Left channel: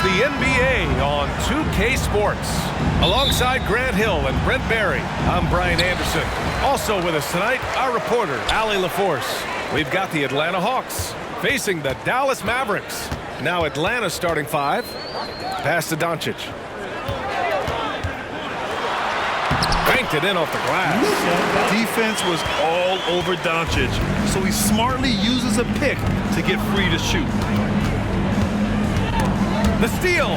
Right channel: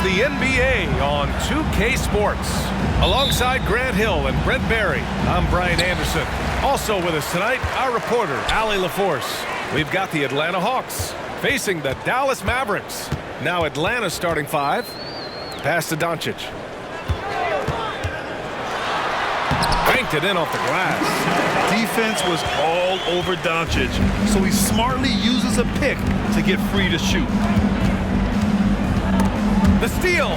It's the NBA on 2K Sports. Alongside Grant Hill and Brent Barry, I'm Brian Anderson. Also with us tonight, our reporter, Allie LaForce. We've got the Atlanta Hawks facing the Dallas Mavericks. Now Atlanta's starting five. Pass to Doncic. Banked it in off the glass. Defense was all over Doncic, so he smartly uses a pick to get free to shoot. The steal.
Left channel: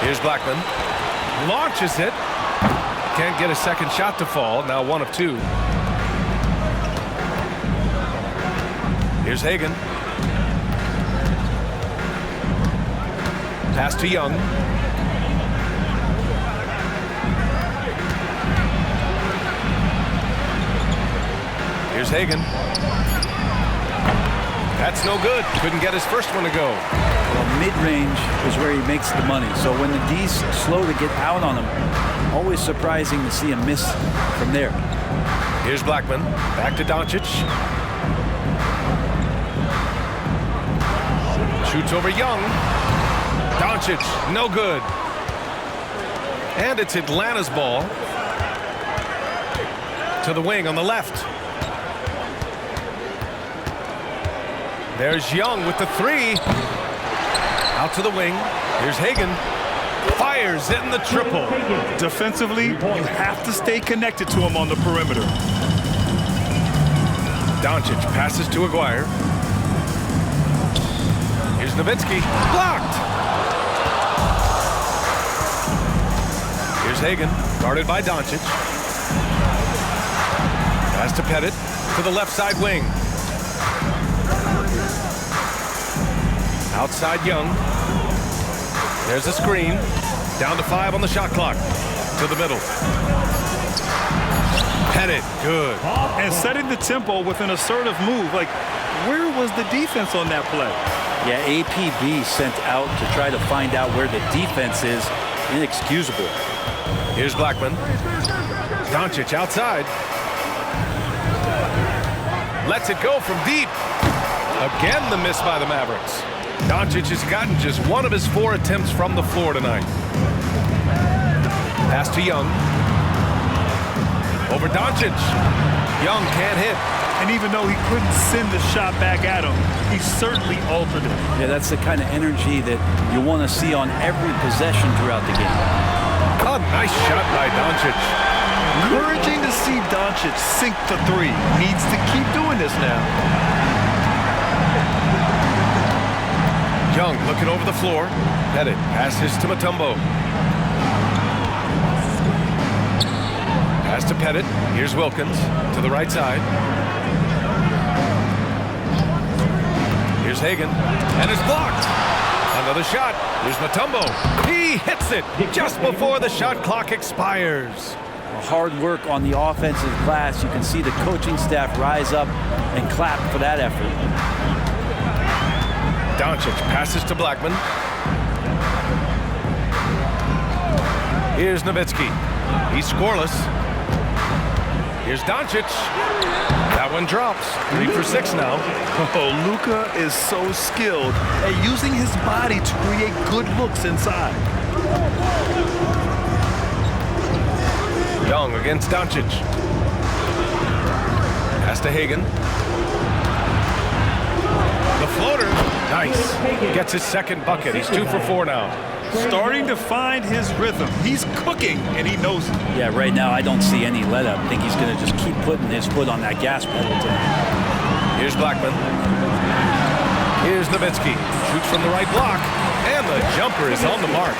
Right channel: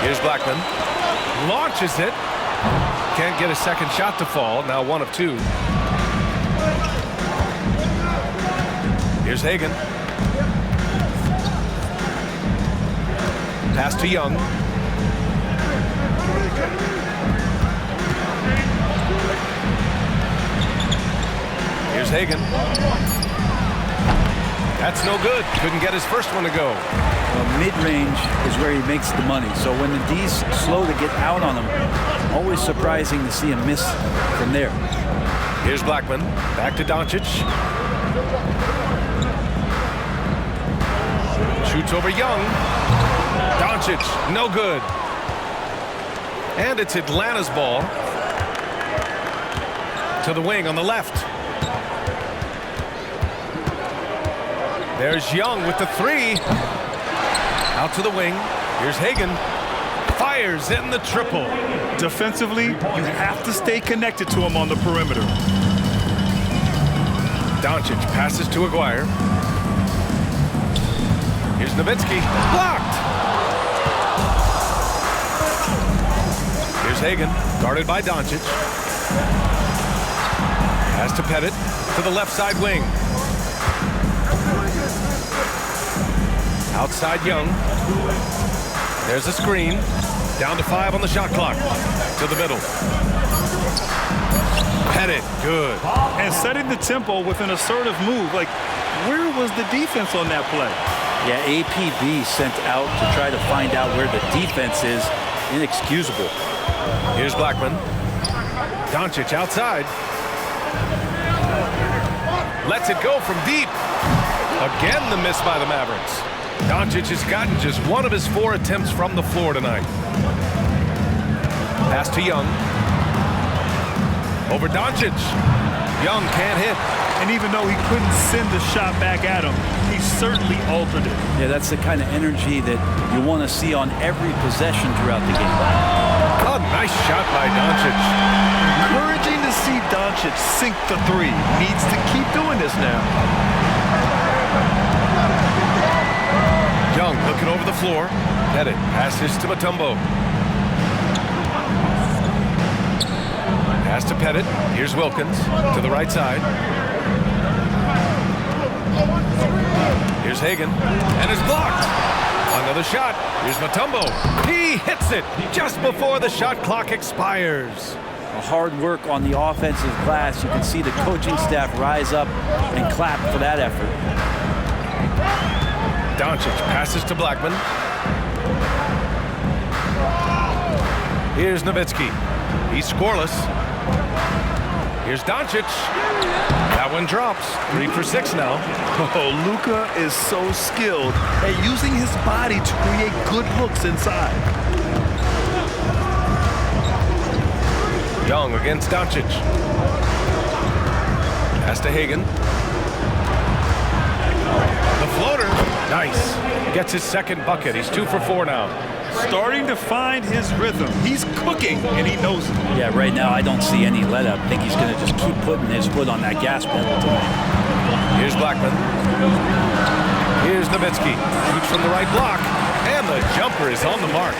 Here's Blackman. Launches it. Can't get a second shot to fall. Now 1 of 2. Here's Hagan. Pass to Young. Here's Hagan. That's no good. Couldn't get his first one to go. Well, mid-range is where he makes the money. So when the D's slow to get out on him, always surprising to see him miss from there. Here's Blackman. Back to Doncic. Shoots over Young. Doncic, no good. And it's Atlanta's ball. To the wing on the left. There's Young with the 3. Out to the wing. Here's Hagan. Fires in the triple. Defensively, you have to stay connected to him on the perimeter. Doncic passes to Aguirre. Here's Nowitzki. Blocked. Here's Hagan. Guarded by Doncic. Pass to Pettit. To the left side wing. Outside Young. There's a screen. Down to 5 on the shot clock. To the middle. Pettit, good. And setting the tempo with an assertive move. Like, where was the defense on that play? Yeah, APB sent out to try to find out where the defense is. Inexcusable. Here's Blackman. Doncic outside. Lets it go from deep. Again, the miss by the Mavericks. Doncic has gotten just 1 of his 4 attempts from the floor tonight. Pass to Young. Over Doncic. Young can't hit. And even though he couldn't send the shot back at him, he certainly altered it. Yeah, that's the kind of energy that you want to see on every possession throughout the game. A nice shot by Doncic. Encouraging to see Doncic sink the 3. Needs to keep doing this now. Young looking over the floor. Pettit passes to Mutombo. Pass to Pettit. Here's Wilkins to the right side. Here's Hagan. And it's blocked. Another shot. Here's Mutombo. He hits it just before the shot clock expires. Hard work on the offensive glass. You can see the coaching staff rise up and clap for that effort. Doncic passes to Blackman. Here's Nowitzki. He's scoreless. Here's Doncic. That one drops. 3 for 6 now. Oh, Luka is so skilled at using his body to create good looks inside. Young against Doncic. Pass to Hagan. The floater. Nice. Gets his second bucket. He's 2 for 4 now. Starting to find his rhythm. He's cooking, and he knows it. Yeah, right now I don't see any let up. I think he's going to just keep putting his foot on that gas pedal tonight. Here's Blackman. Here's Nowitzki. Shoots from the right block. And the jumper is on the mark.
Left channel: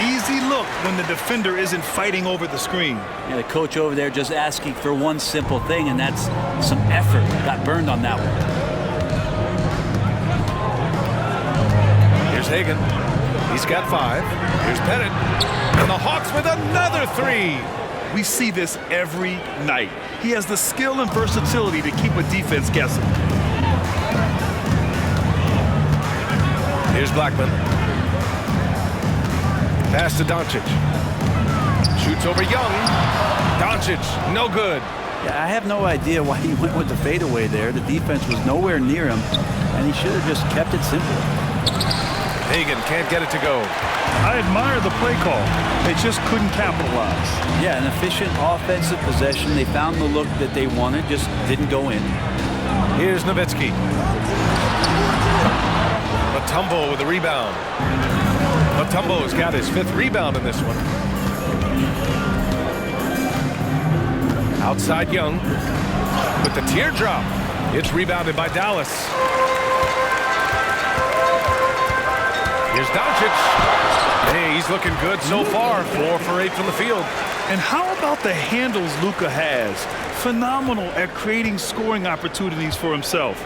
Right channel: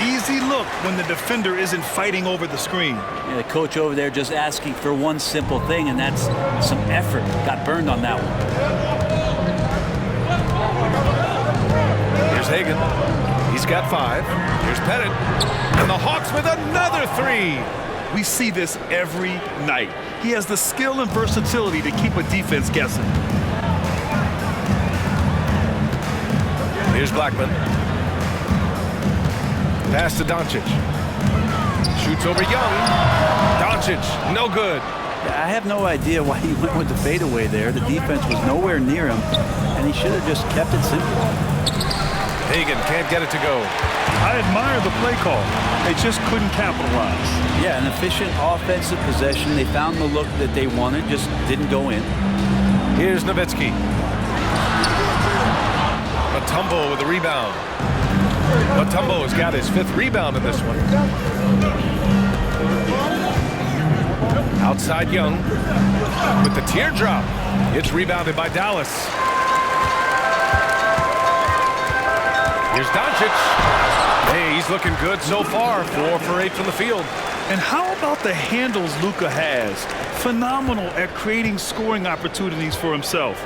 Easy look when the defender isn't fighting over the screen. Yeah, the coach over there just asking for one simple thing, and that's some effort. Got burned on that one. Here's Hagan. He's got 5. Here's Pettit. And the Hawks with another 3. We see this every night. He has the skill and versatility to keep a defense guessing. Here's Blackman. Pass to Doncic. Shoots over Young. Doncic, no good. Yeah, I have no idea why he went with the fadeaway there. The defense was nowhere near him, and he should have just kept it simple. Hagan can't get it to go. I admire the play call. They just couldn't capitalize. Yeah, an efficient offensive possession. They found the look that they wanted, just didn't go in. Here's Nowitzki. Mutombo with the rebound. Mutombo's got his 5th rebound in this one. Outside Young with the teardrop. It's rebounded by Dallas. Here's Doncic. Hey, he's looking good so far. 4 for 8 from the field. And how about the handles Luka has? Phenomenal at creating scoring opportunities for himself.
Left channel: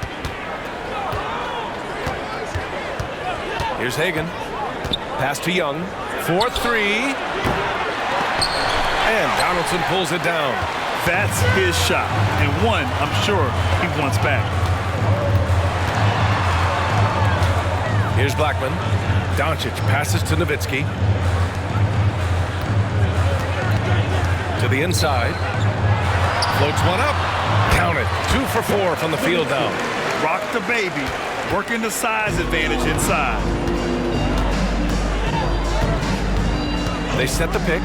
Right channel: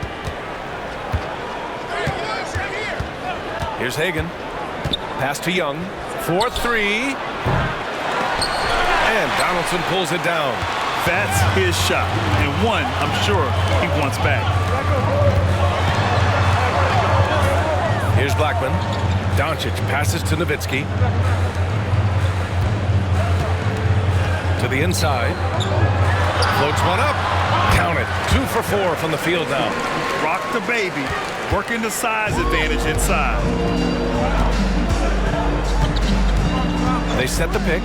Here's Hagan. Pass to Young. 4-3. And Donaldson pulls it down. That's his shot, and one I'm sure he wants back. Here's Blackman. Doncic passes to Nowitzki. To the inside. Floats one up. Count it. 2 for 4 from the field now. Rock the baby. Working the size advantage inside. They set the pick.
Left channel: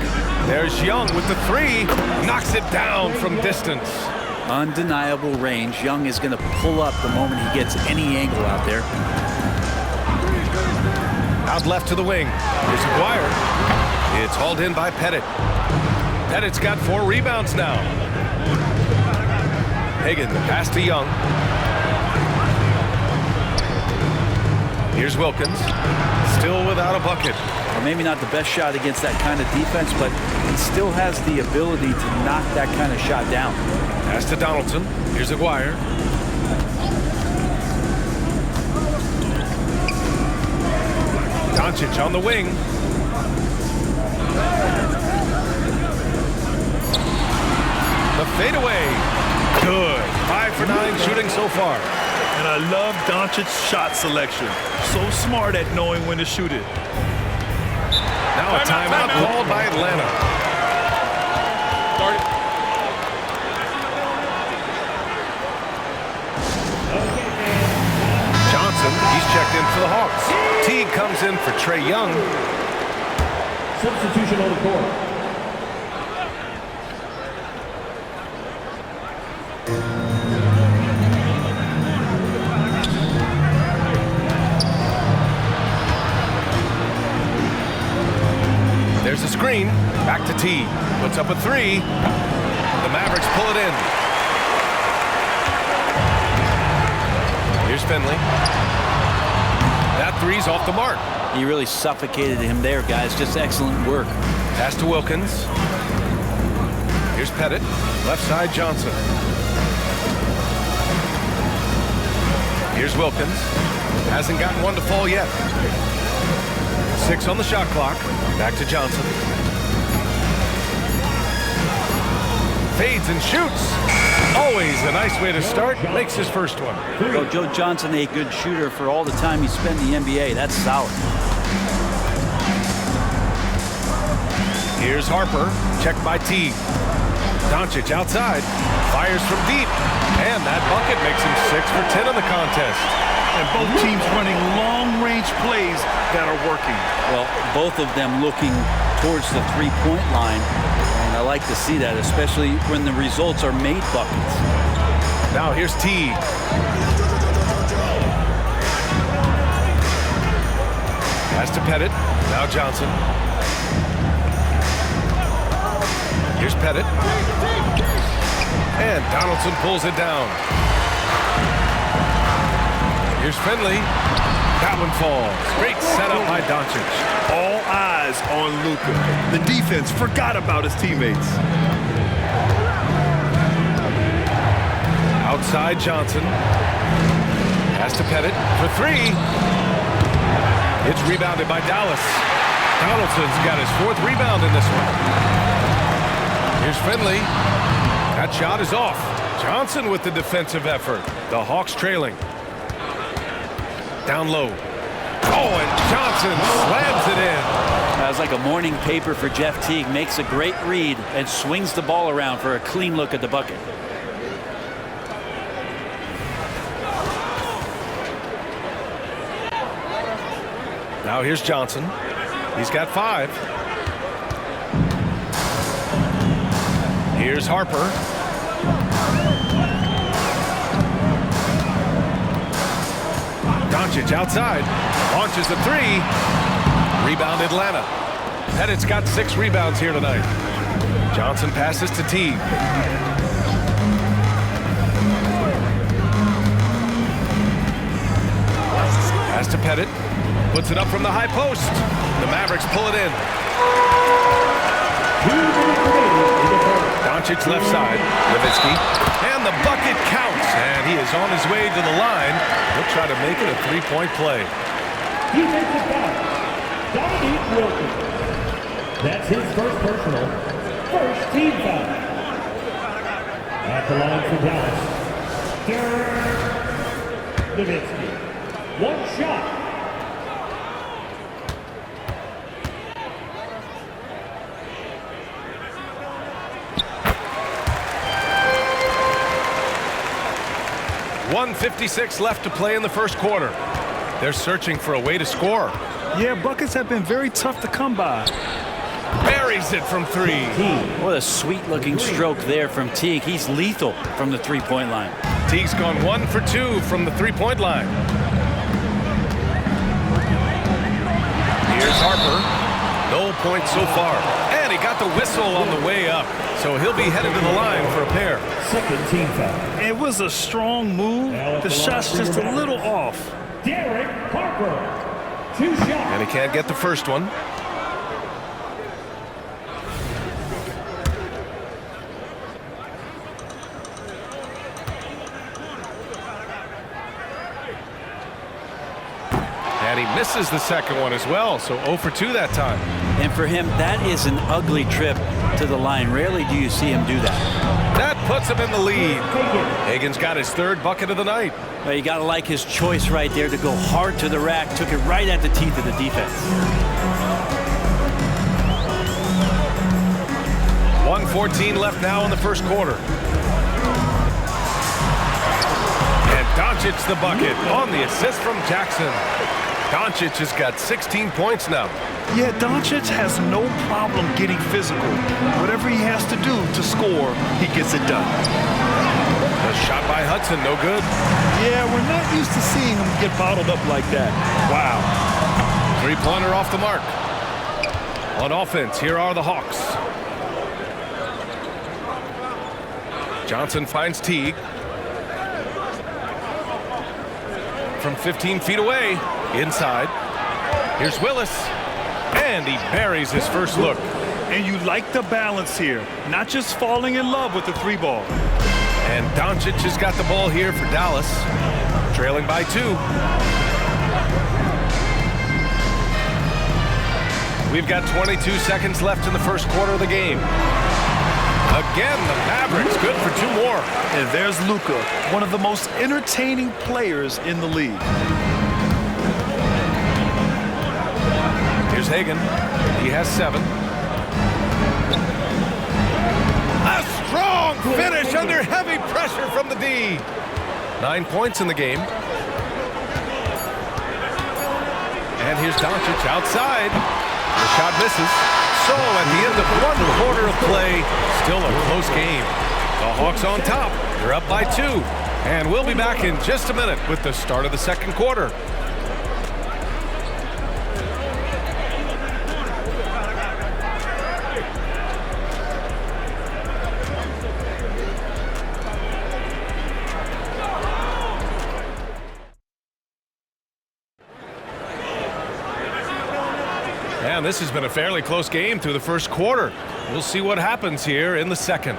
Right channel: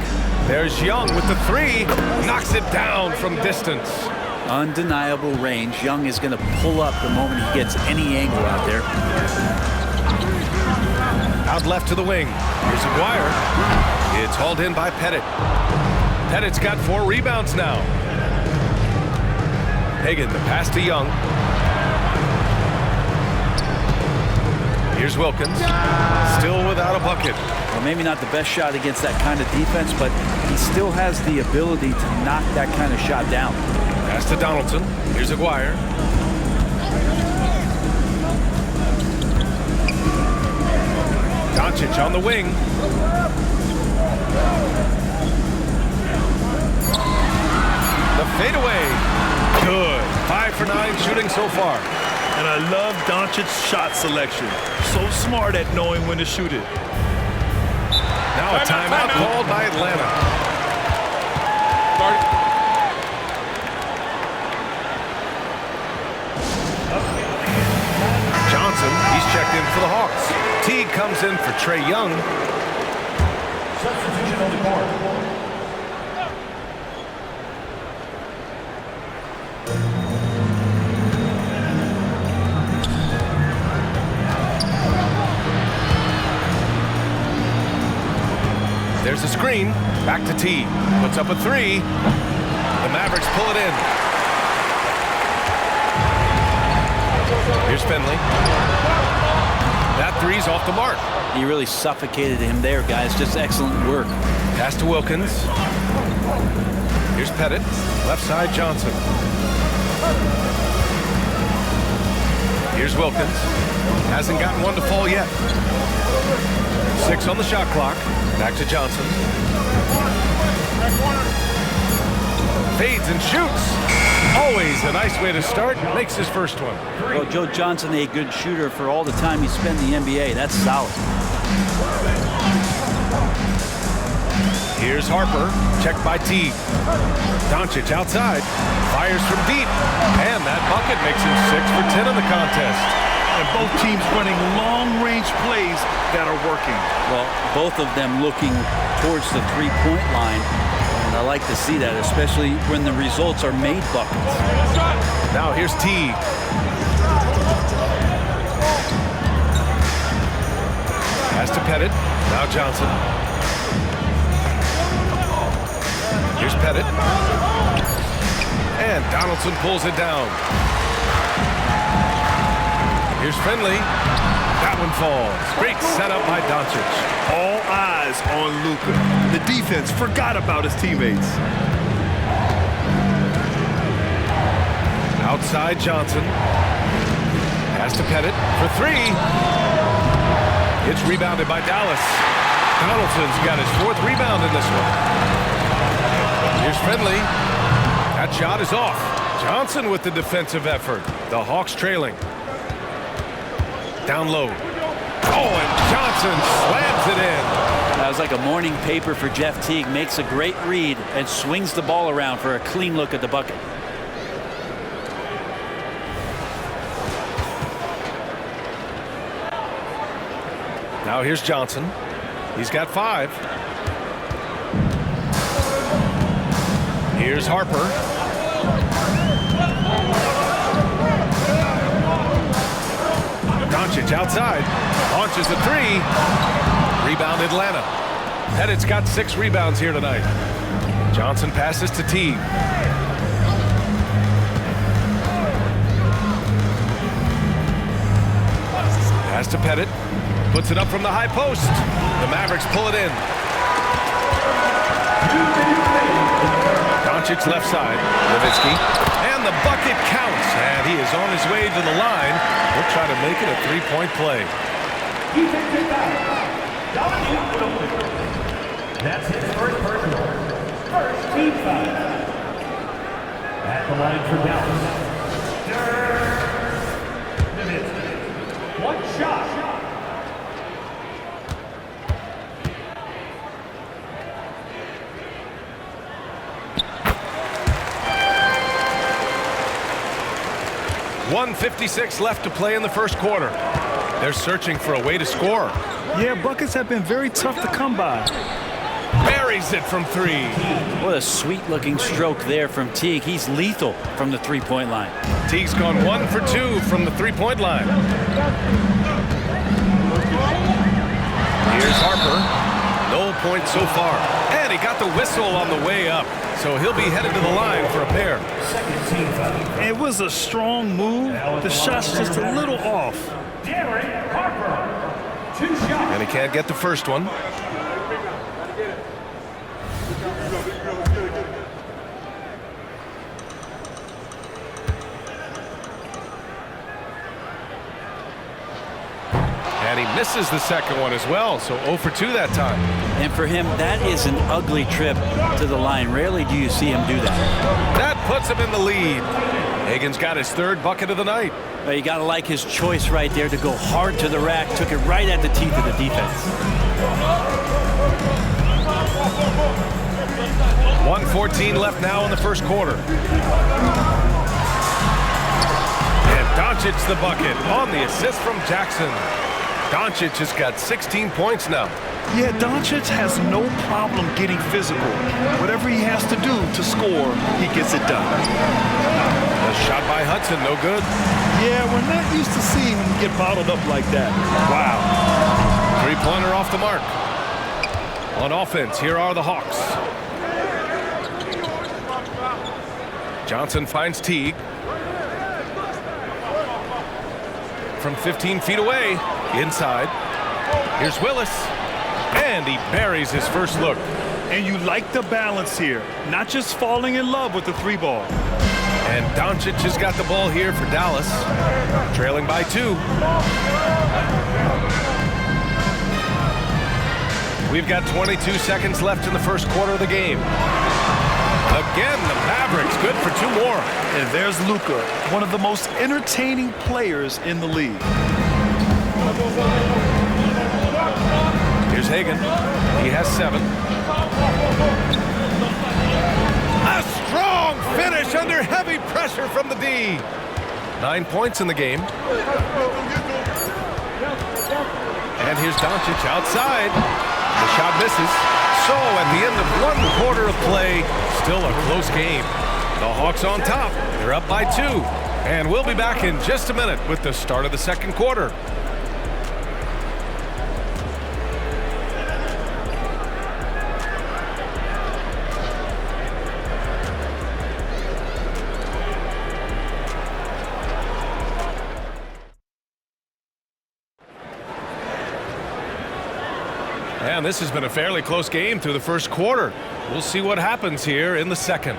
There's Young with the 3. Knocks it down from distance. Undeniable range. Young is going to pull up the moment he gets any angle out there. Out left to the wing. Here's Aguirre. It's hauled in by Pettit. Pettit's got 4 rebounds now. Hagan, the pass to Young. Here's Wilkins. Still without a bucket. Well, maybe not the best shot against that kind of defense, but he still has the ability to knock that kind of shot down. Pass to Donaldson. Here's Aguirre. Doncic on the wing. The fadeaway. Good. 5 for 9 shooting so far. And I love Doncic's shot selection. So smart at knowing when to shoot it. Now a timeout called by Atlanta. Start it. Johnson, he's checked in for the Hawks. Teague comes in for Trae Young. Substitution on the court. There's a screen. Back to Teague. Puts up a 3. The Mavericks pull it in. Here's Finley. That 3's off the mark. He really suffocated him there, guys. Just excellent work. Pass to Wilkins. Here's Pettit. Left side Johnson. Here's Wilkins. Hasn't gotten one to fall yet. 6 on the shot clock. Back to Johnson. Fades and shoots. Always a nice way to start. Makes his first one. Well, Joe Johnson, a good shooter for all the time he spent in the NBA. That's solid. Here's Harper. Checked by Teague. Doncic outside. Fires from deep. And that bucket makes him 6 for 10 in the contest. And both teams running long-range plays that are working. Well, both of them looking towards the three-point line. And I like to see that, especially when the results are made buckets. Now here's Teague. Pass to Pettit. Now Johnson. Here's Pettit. And Donaldson pulls it down. Here's Finley. That one falls. Great setup by Doncic. All eyes on Luka. The defense forgot about his teammates. Outside Johnson. Pass to Pettit for 3. It's rebounded by Dallas. Donaldson's got his 4th rebound in this one. Here's Finley. That shot is off. Johnson with the defensive effort. The Hawks trailing. Down low. Oh, and Johnson slams it in. That was like a morning paper for Jeff Teague. Makes a great read and swings the ball around for a clean look at the bucket. Now here's Johnson. He's got 5. Here's Harper. Doncic outside. Launches the 3. Rebound Atlanta. Pettit's got 6 rebounds here tonight. Johnson passes to Teague. Pass to Pettit. Puts it up from the high post. The Mavericks pull it in. Doncic left side. Nowitzki. And the bucket counts. And he is on his way to the line. He'll try to make it a 3-point play. Defensive foul. Dominique Wilson. That's his first personal. First team foul. At the line for Dallas. Nowitzki. One shot. .156 left to play in the first quarter. They're searching for a way to score. Yeah, buckets have been very tough to come by. Buries it from 3. What a sweet-looking stroke there from Teague. He's lethal from the three-point line. Teague's gone 1 for 2 from the three-point line. Here's Harper. No points so far. And he got the whistle on the way up. So he'll be headed to the line for a pair. Second team foul. It was a strong move. The shot's just a little off. Derek Harper. 2 shots. And he can't get the first one. And he misses the second one as well, so 0 for 2 that time. And for him, that is an ugly trip to the line. Rarely do you see him do that. That puts him in the lead. Hagan's got his 3rd bucket of the night. Well, you got to like his choice right there to go hard to the rack. Took it right at the teeth of the defense. 1:14 left now in the first quarter. And Doncic the bucket on the assist from Jackson. Doncic has got 16 points now. Yeah, Doncic has no problem getting physical. Whatever he has to do to score, he gets it done. A shot by Hudson, no good. Yeah, we're not used to seeing him get bottled up like that. Wow. 3-pointer off the mark. On offense, here are the Hawks. Johnson finds Teague. From 15 feet away, inside. Here's Willis. And he buries his first look. And you like the balance here. Not just falling in love with the 3-ball. And Doncic has got the ball here for Dallas. Trailing by 2. We've got 22 seconds left in the first quarter of the game. Again, the Mavericks good for 2 more. And there's Luka, one of the most entertaining players in the league. Here's Hagan. He has 7. A strong finish under heavy pressure from the D. 9 points in the game. And here's Doncic outside. The shot misses. So at the end of 1 quarter of play, still a close game. The Hawks on top. They're up by 2. And we'll be back in just a minute with the start of the second quarter. And this has been a fairly close game through the first quarter. We'll see what happens here in the second.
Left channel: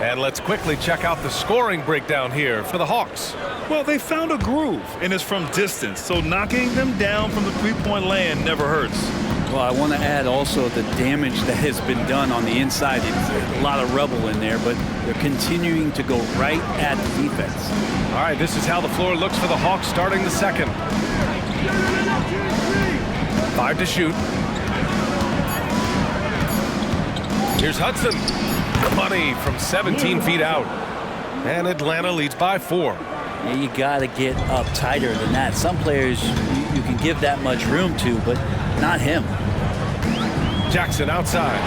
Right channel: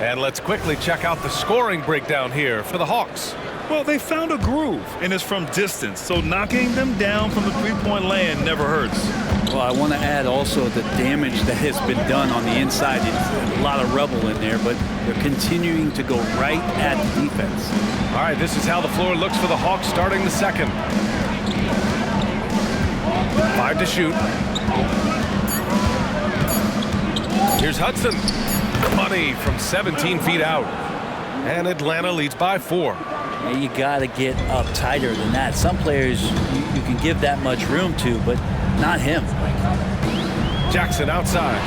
And let's quickly check out the scoring breakdown here for the Hawks. Well, they found a groove, and it's from distance, so knocking them down from the 3-point land never hurts. Well, I want to add also the damage that has been done on the inside. It's a lot of rubble in there, but they're continuing to go right at the defense. All right, this is how the floor looks for the Hawks starting the second. 5 to shoot. Here's Hudson. Money from 17 feet out. And Atlanta leads by 4. Yeah, you got to get up tighter than that. Some players you can give that much room to, but not him. Jackson outside.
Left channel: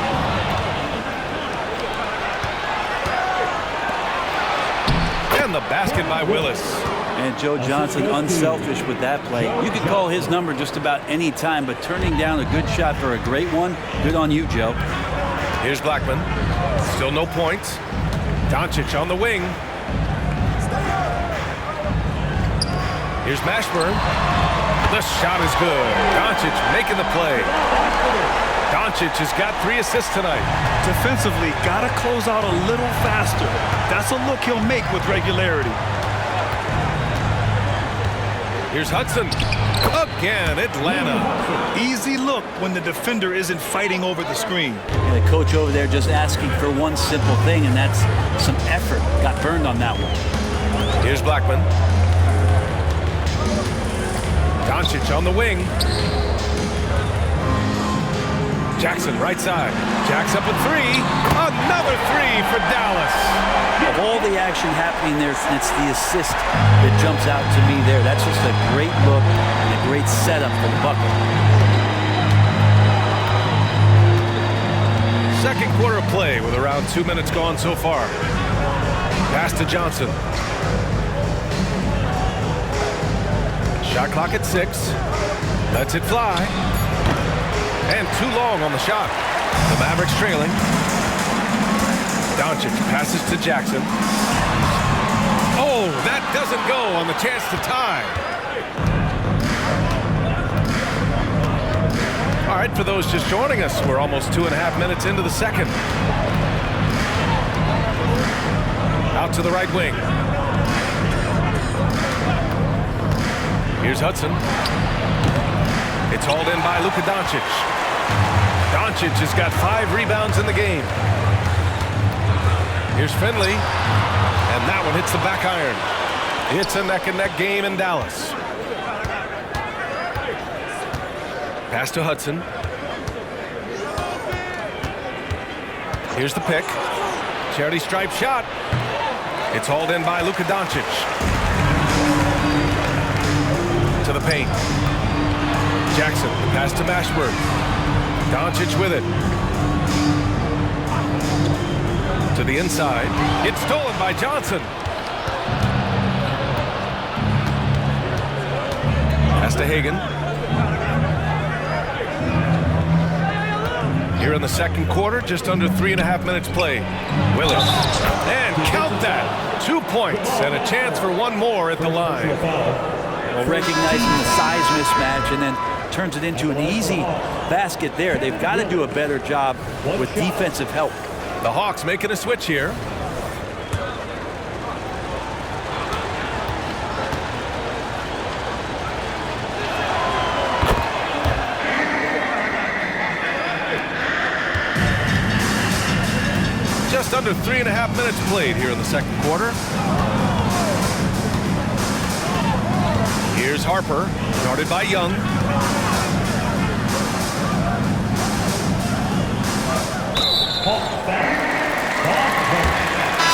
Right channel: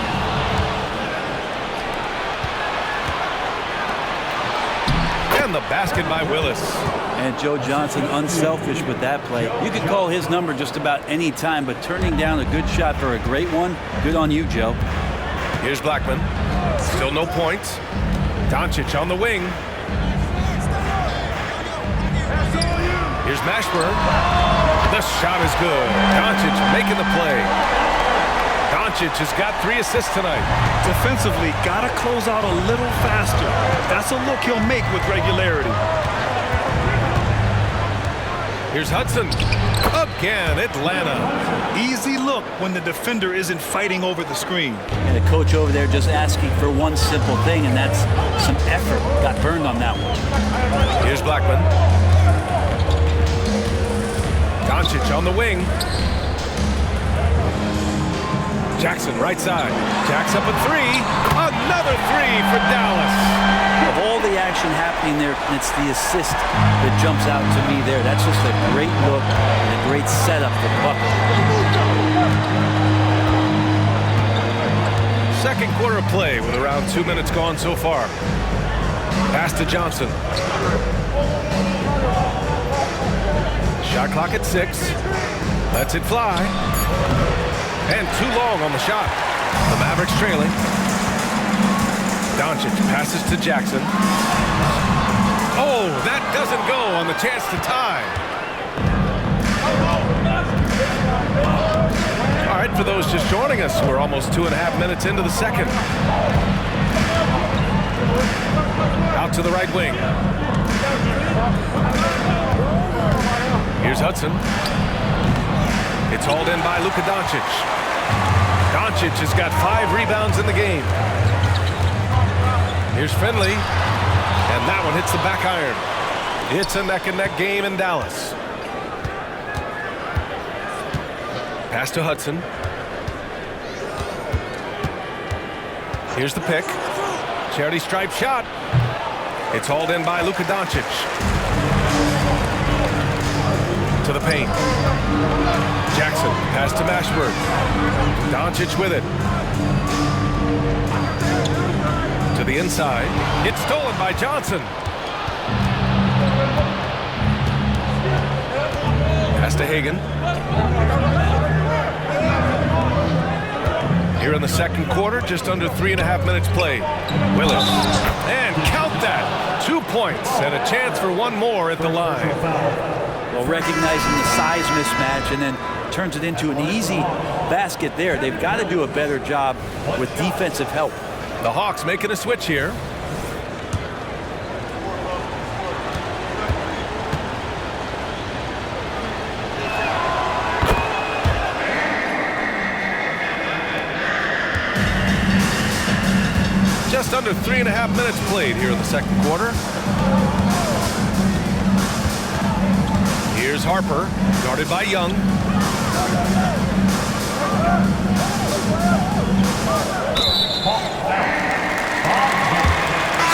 And the basket by Willis. And Joe Johnson unselfish with that play. You can call his number just about any time, but turning down a good shot for a great one, good on you, Joe. Here's Blackman. Still no points. Doncic on the wing. Here's Mashburn. The shot is good. Doncic making the play. Doncic has got 3 assists tonight. Defensively, got to close out a little faster. That's a look he'll make with regularity. Here's Hudson. Again, Atlanta. Easy look when the defender isn't fighting over the screen. And the coach over there just asking for one simple thing, and that's some effort. Got burned on that one. Here's Blackman. Doncic on the wing. Jackson right side. Jack's up a 3. Another 3 for Dallas. Of all the action happening there, it's the assist that jumps out to me there. That's just a great look and a great setup for the bucket. Second quarter of play with around 2 minutes gone so far. Pass to Johnson. Shot clock at 6. Lets it fly. And too long on the shot. The Mavericks trailing. Doncic passes to Jackson. Oh, that doesn't go on the chance to tie. All right, for those just joining us, we're almost 2.5 minutes into the second. Out to the right wing. Here's Hudson. It's hauled in by Luka Doncic. Doncic has got 5 rebounds in the game. Here's Finley. And that one hits the back iron. It's a neck-and-neck game in Dallas. Pass to Hudson. Here's the pick. Charity stripe shot. It's hauled in by Luka Doncic. To the paint. Jackson, pass to Mashburn. Doncic with it. To the inside. It's stolen by Johnson. Pass to Hagan. Here in the second quarter, just under 3.5 minutes played. Willis. And count that. 2 points and a chance for one more at the line. Well, recognizing the size mismatch and then turns it into an easy basket there. They've got to do a better job with defensive help. The Hawks making a switch here. Just under 3.5 minutes played here in the second quarter. Here's Harper, guarded by Young.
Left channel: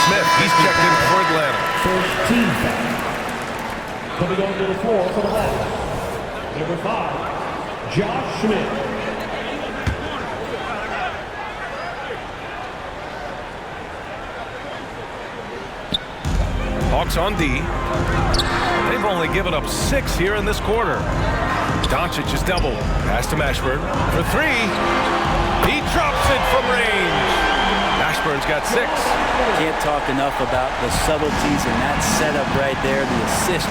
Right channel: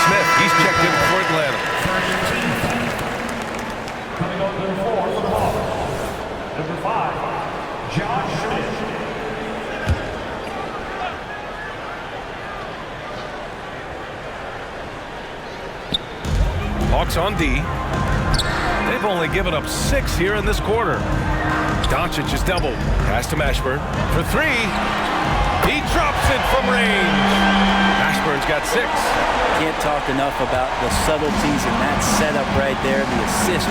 Smith, he's checked in for Atlanta. First team foul. Coming on to the floor for the Hawks. Number 5, Josh Smith. Hawks on D. They've only given up 6 here in this quarter. Doncic is doubled. Pass to Mashburn for 3. He drops it from range. Mashburn's got 6. Can't talk enough about the subtleties in that setup right there. The assist,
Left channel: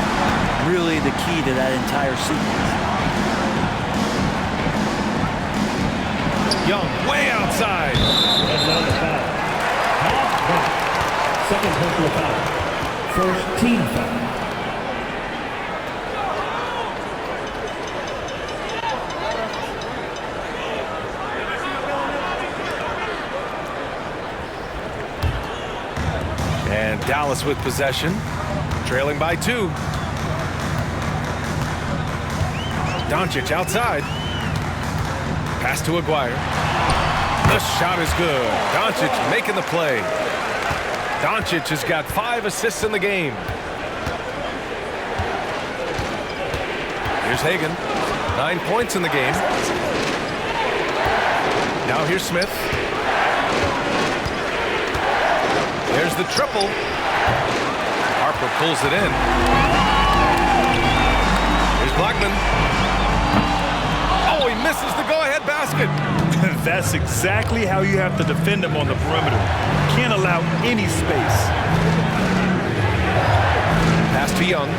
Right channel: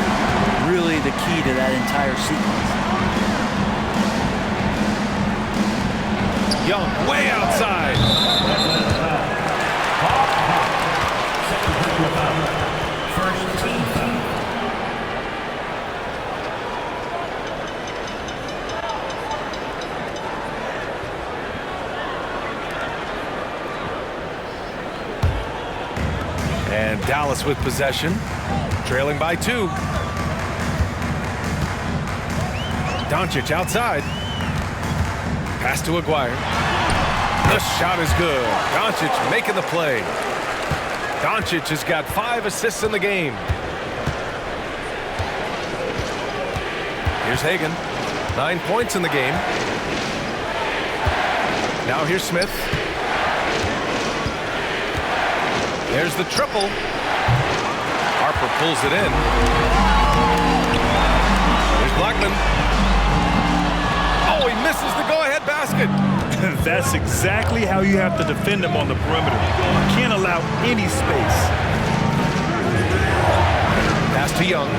really the key to that entire sequence. Young way outside. Second personal foul. First team foul. And Dallas with possession, trailing by 2. Doncic outside. Pass to Aguirre. The shot is good. Doncic making the play. Doncic has got 5 assists in the game. Here's Hagan. 9 points in the game. Now here's Smith. There's the triple. Harper pulls it in. Here's Blackman. Oh, he misses the go-ahead basket. That's exactly how you have to defend him on the perimeter. Can't allow any space. Pass to Young.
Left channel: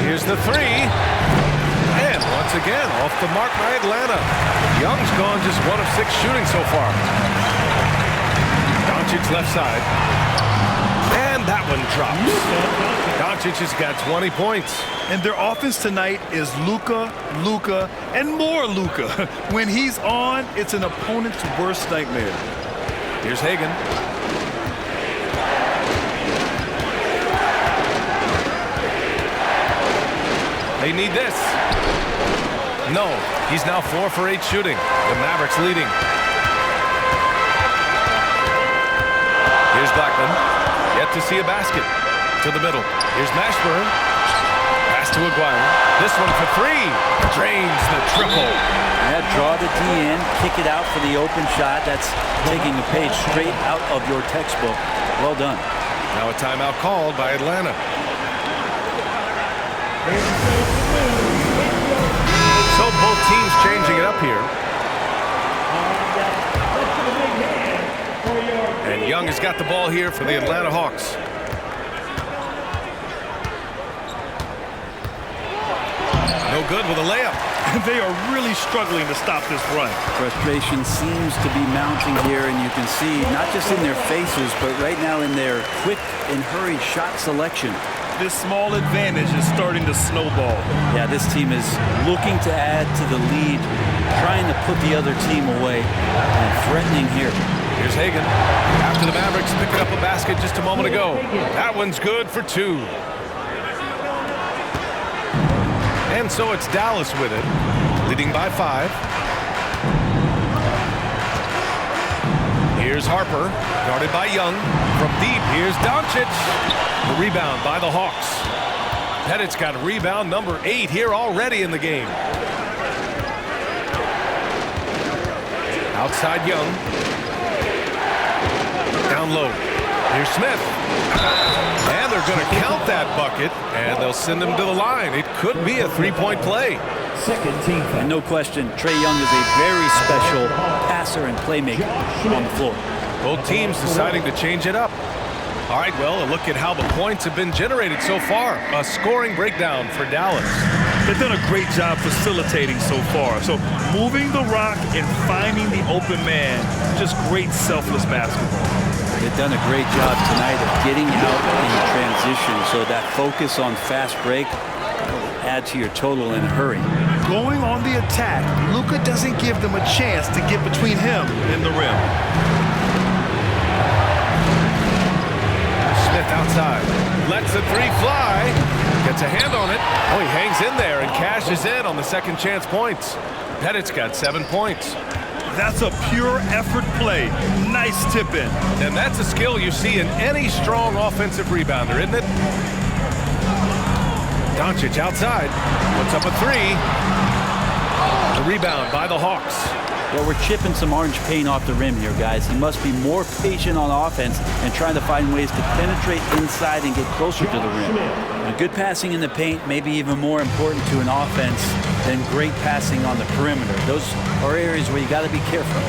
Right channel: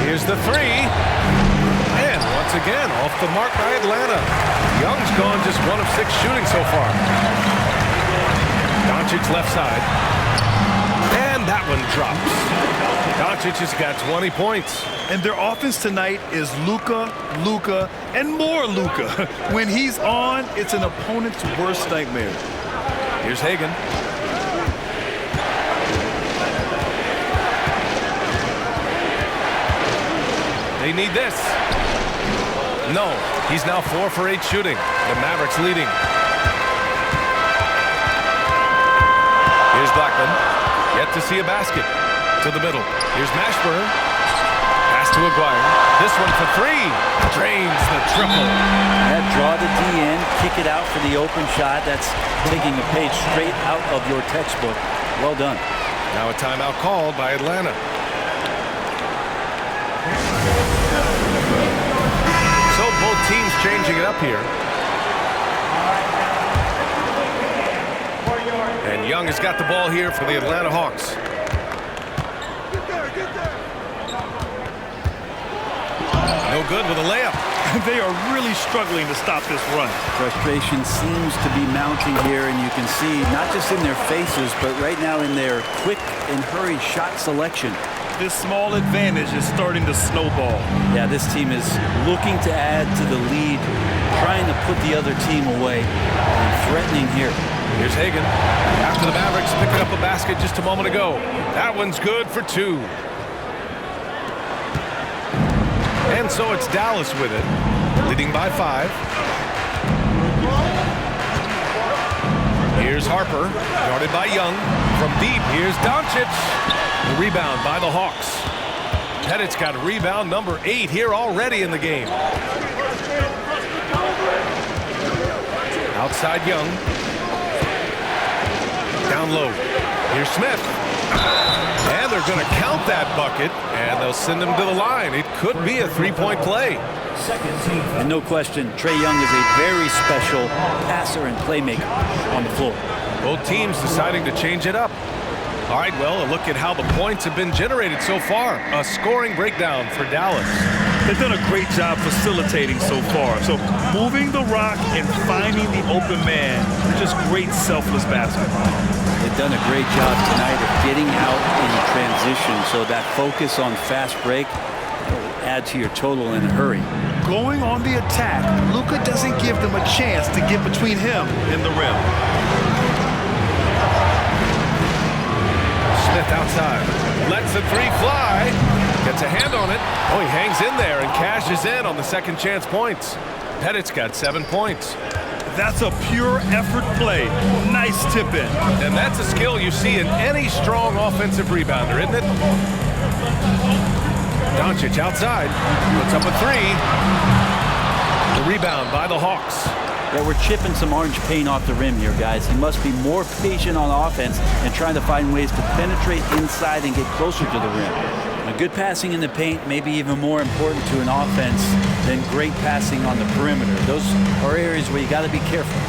Here's the three. And once again, off the mark by Atlanta. Young's gone just 1 of 6 shooting so far. Doncic left side. And that one drops. Doncic has got 20 points. And their offense tonight is Luka, Luka, and more Luka. When he's on, it's an opponent's worst nightmare. Here's Hagan. They need this. No, he's now 4 for 8 shooting. The Mavericks leading. Here's Blackman. Yet to see a basket. To the middle. Here's Mashburn. Pass to Aguirre. This one for 3. Drains the triple. Yeah, draw the D in, kick it out for the open shot. That's taking a page straight out of your textbook. Well done. Now a timeout called by Atlanta. So both teams changing it up here. And Young has got the ball here for the Atlanta Hawks. No good with a layup. They are really struggling to stop this run. Frustration seems to be mounting here, and you can see not just in their faces, but right now in their quick and hurried shot selection. This small advantage is starting to snowball. Yeah, this team is looking to add to the lead, trying to put the other team away, and threatening here. Here's Hagan. After the Mavericks picking up a basket just a moment ago. That one's good for 2. And so it's Dallas with it, leading by 5. Here's Harper, guarded by Young. From deep, here's Doncic. The rebound by the Hawks. Pettit's got rebound number 8 here already in the game. Outside Young. Down low. Here's Smith. And they're going to count that bucket, and they'll send him to the line. It could be a 3-point play. And no question, Trae Young is a very special passer and playmaker on the floor. Both teams deciding to change it up. All right, well, a look at how the points have been generated so far. A scoring breakdown for Dallas. They've done a great job facilitating so far. So moving the rock and finding the open man, just great selfless basketball. They've done a great job tonight of getting out in transition, so that focus on fast break will add to your total in a hurry. Going on the attack, Luka doesn't give them a chance to get between him and the rim. Smith outside. Lets the 3 fly. Gets a hand on it. Oh, he hangs in there and cashes in on the second chance points. Pettit's got 7 points. That's a pure effort play. Nice tip in. And that's a skill you see in any strong offensive rebounder, isn't it? Doncic outside. Puts up a 3. The rebound by the Hawks. Yeah, we're chipping some orange paint off the rim here, guys. He must be more patient on offense and trying to find ways to penetrate inside and get closer to the rim. Now, good passing in the paint may be even more important to an offense than great passing on the perimeter. Those are areas where you got to be careful.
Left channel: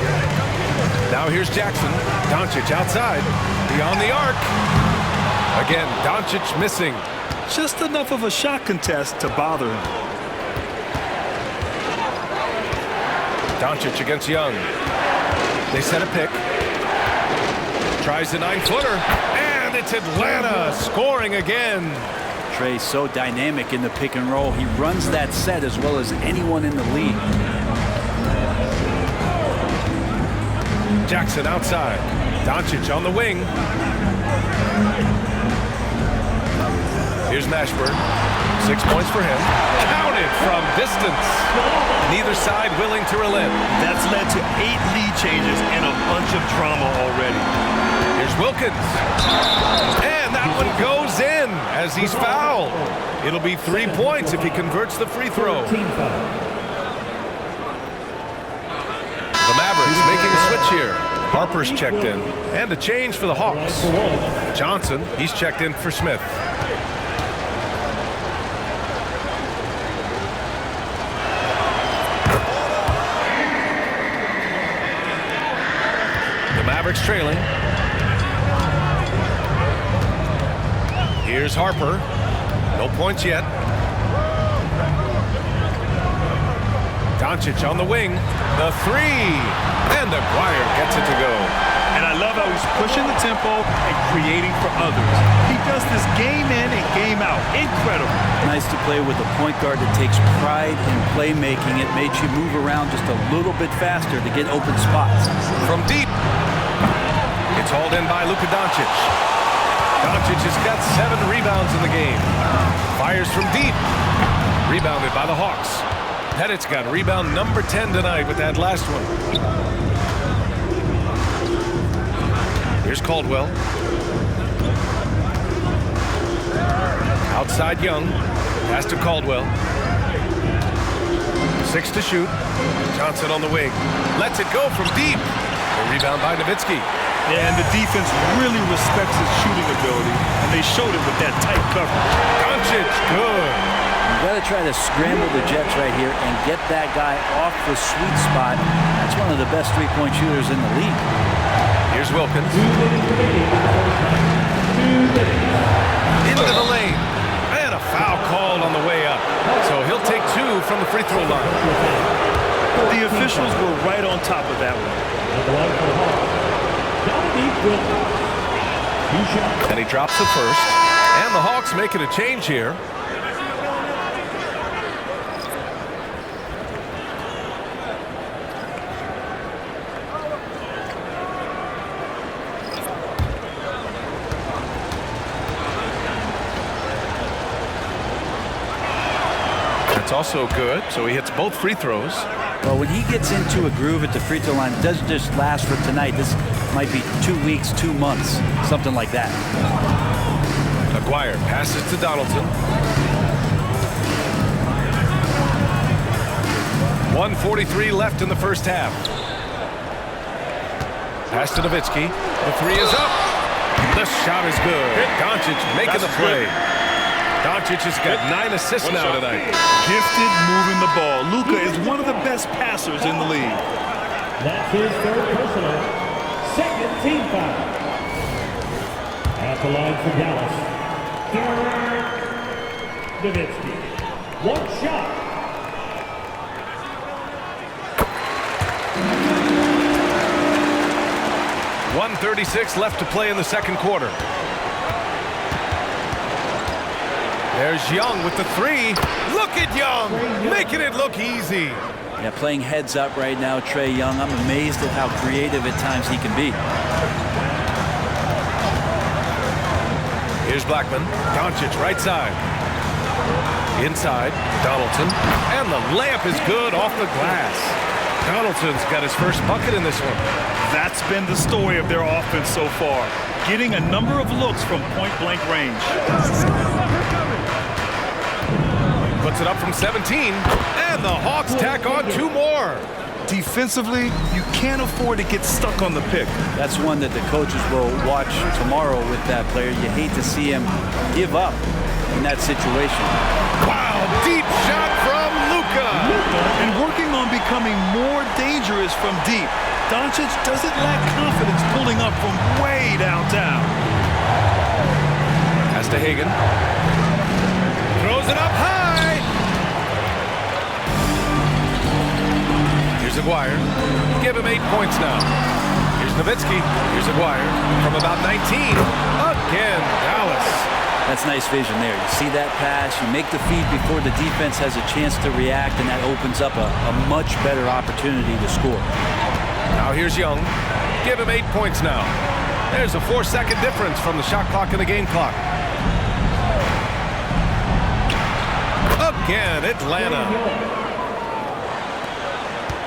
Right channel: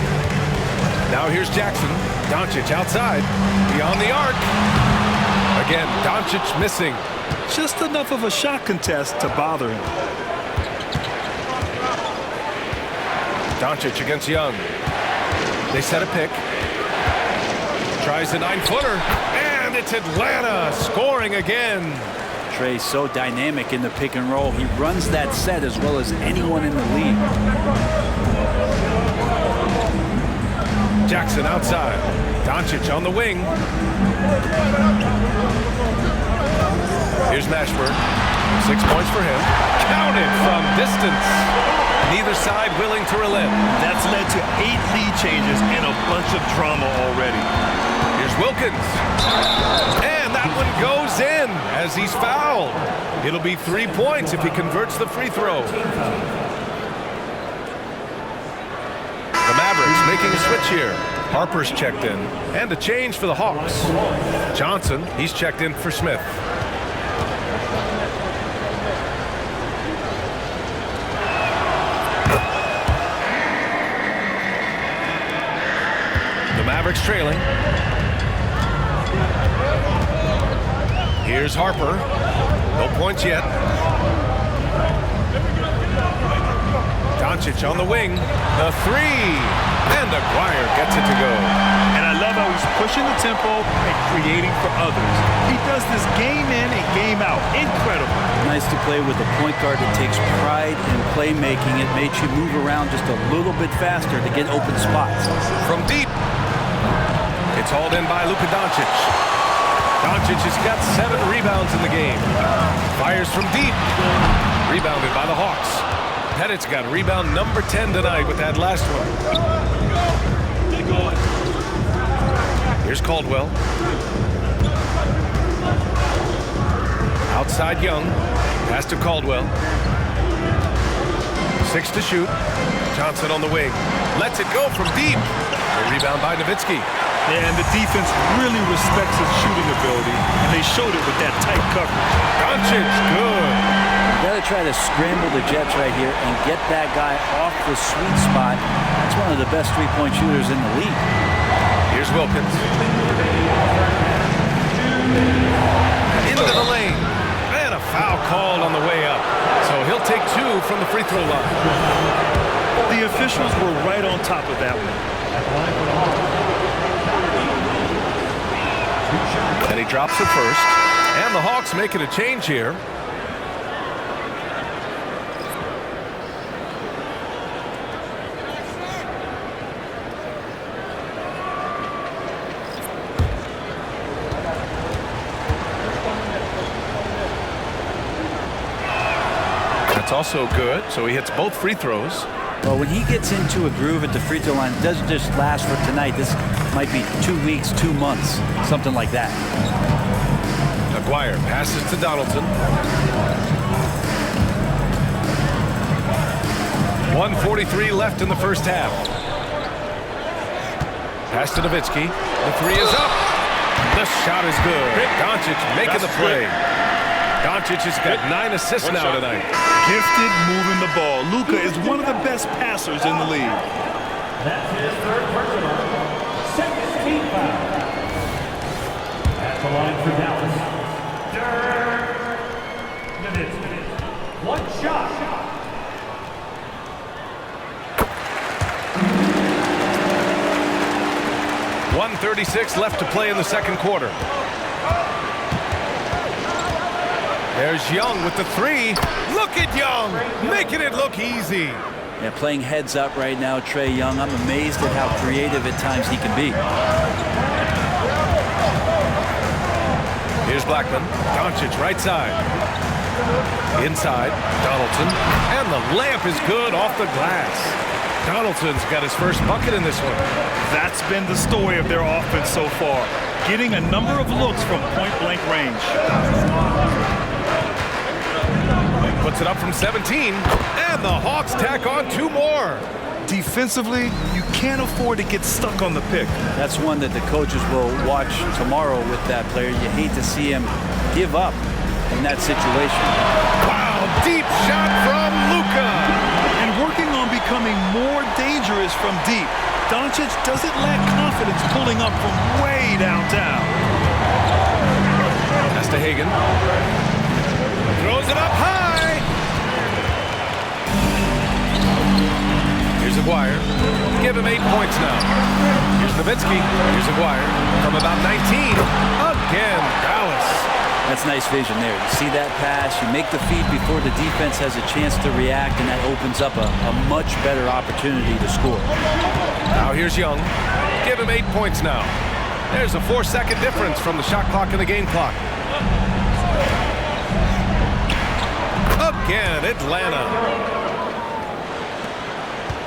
Now here's Jackson. Doncic outside. Beyond the arc. Again, Doncic missing. Just enough of a shot contest to bother him. Doncic against Young. They set a pick. Tries a 9-footer. And it's Atlanta scoring again. Trae so dynamic in the pick and roll. He runs that set as well as anyone in the league. Jackson outside. Doncic on the wing. Here's Mashburn. 6 points for him. Counted from distance. Neither side willing to relent. That's led to 8 lead changes and a bunch of drama already. Here's Wilkins. And that one goes in as he's fouled. It'll be 3 points if he converts the free throw. The Mavericks making a switch here. Harper's checked in. And a change for the Hawks. Johnson, he's checked in for Smith. The Mavericks trailing. Here's Harper. No points yet. Doncic on the wing. The three. And Aguirre gets it to go. And I love how he's pushing the tempo and creating for others. He does this game in and game out. Incredible. Nice to play with a point guard that takes pride in playmaking. It makes you move around just a little bit faster to get open spots. From deep. It's hauled in by Luka Doncic. Doncic has got 7 rebounds in the game. Fires from deep. Rebounded by the Hawks. Pettit's got rebound number 10 tonight with that last one. Here's Caldwell. Outside Young. Pass to Caldwell. 6 to shoot. Johnson on the wing. Lets it go from deep. The rebound by Nowitzki. Yeah, and the defense really respects his shooting ability, and they showed it with that tight coverage. Doncic, good. You got to try to scramble the Jets right here and get that guy off the sweet spot. That's one of the best three-point shooters in the league. Here's Wilkins. Into the lane. And a foul called on the way up. So he'll take 2 from the free throw line. The officials were right on top of that one. At the line for the Hawks, Wilkins. 2 shots. And he drops the first. And the Hawks making a change here. That's also good. So he hits both free throws. Well, when he gets into a groove at the free throw line, it doesn't just last for tonight. This might be 2 weeks, 2 months, something like that. Aguirre passes to Donaldson. 1:43 left in the first half. Pass to Nowitzki. The three is up. The shot is good. Doncic making the play. Doncic has got 9 assists now tonight. Gifted moving the ball. Luka is one of the best passers in the league. That's his 3rd personal. 2nd team foul. At the line for Dallas, Nowitzki. 1 shot. .136 left to play in the second quarter. There's Young with the three. Look at Young, making it look easy. Yeah, playing heads up right now, Trae Young. I'm amazed at how creative at times he can be. Here's Blackman. Doncic right side. Inside, Donaldson. And the layup is good off the glass. Donaldson's got his first bucket in this one. That's been the story of their offense so far. Getting a number of looks from point-blank range. Puts it up from 17. And the Hawks tack on 2 more. Defensively, you can't afford to get stuck on the pick. That's one that the coaches will watch tomorrow with that player. You hate to see him give up in that situation. Wow, deep shot from Luka. And working on becoming more dangerous from deep. Doncic doesn't lack confidence pulling up from way downtown. Pass to Hagan. Throws it up high. Here's Aguirre. Give him 8 points now. Here's Nowitzki. Here's Aguirre from about 19. Again, Dallas. That's nice vision there. You see that pass, you make the feed before the defense has a chance to react, and that opens up a much better opportunity to score. Now here's Young. Give him 8 points now. There's a 4-second difference from the shot clock and the game clock. Again, Atlanta.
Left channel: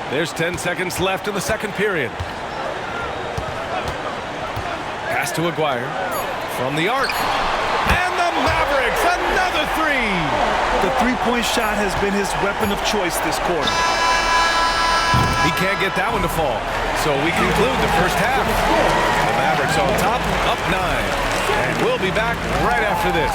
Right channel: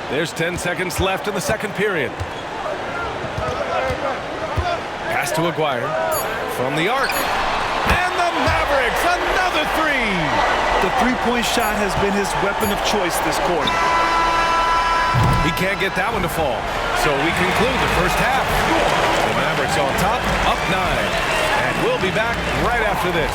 There's 10 seconds left in the second period. Pass to Aguirre. From the arc. And the Mavericks, another three. The three-point shot has been his weapon of choice this quarter. He can't get that one to fall. So we conclude the first half. The Mavericks on top, up 9. And we'll be back right after this.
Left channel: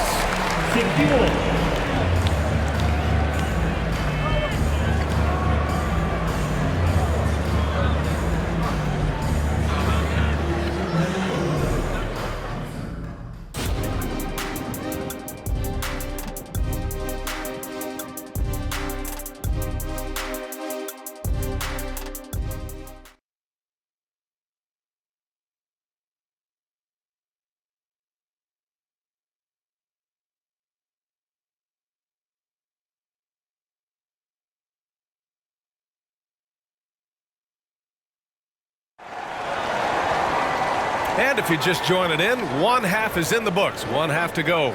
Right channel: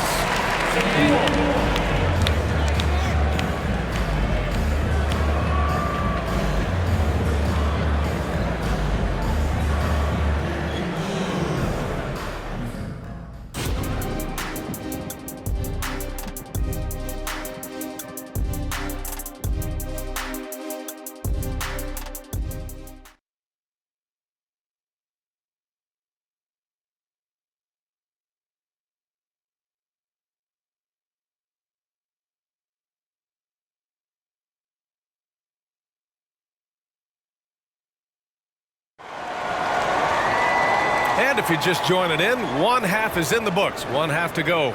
And if you're just joining in, one half is in the books. One half to go.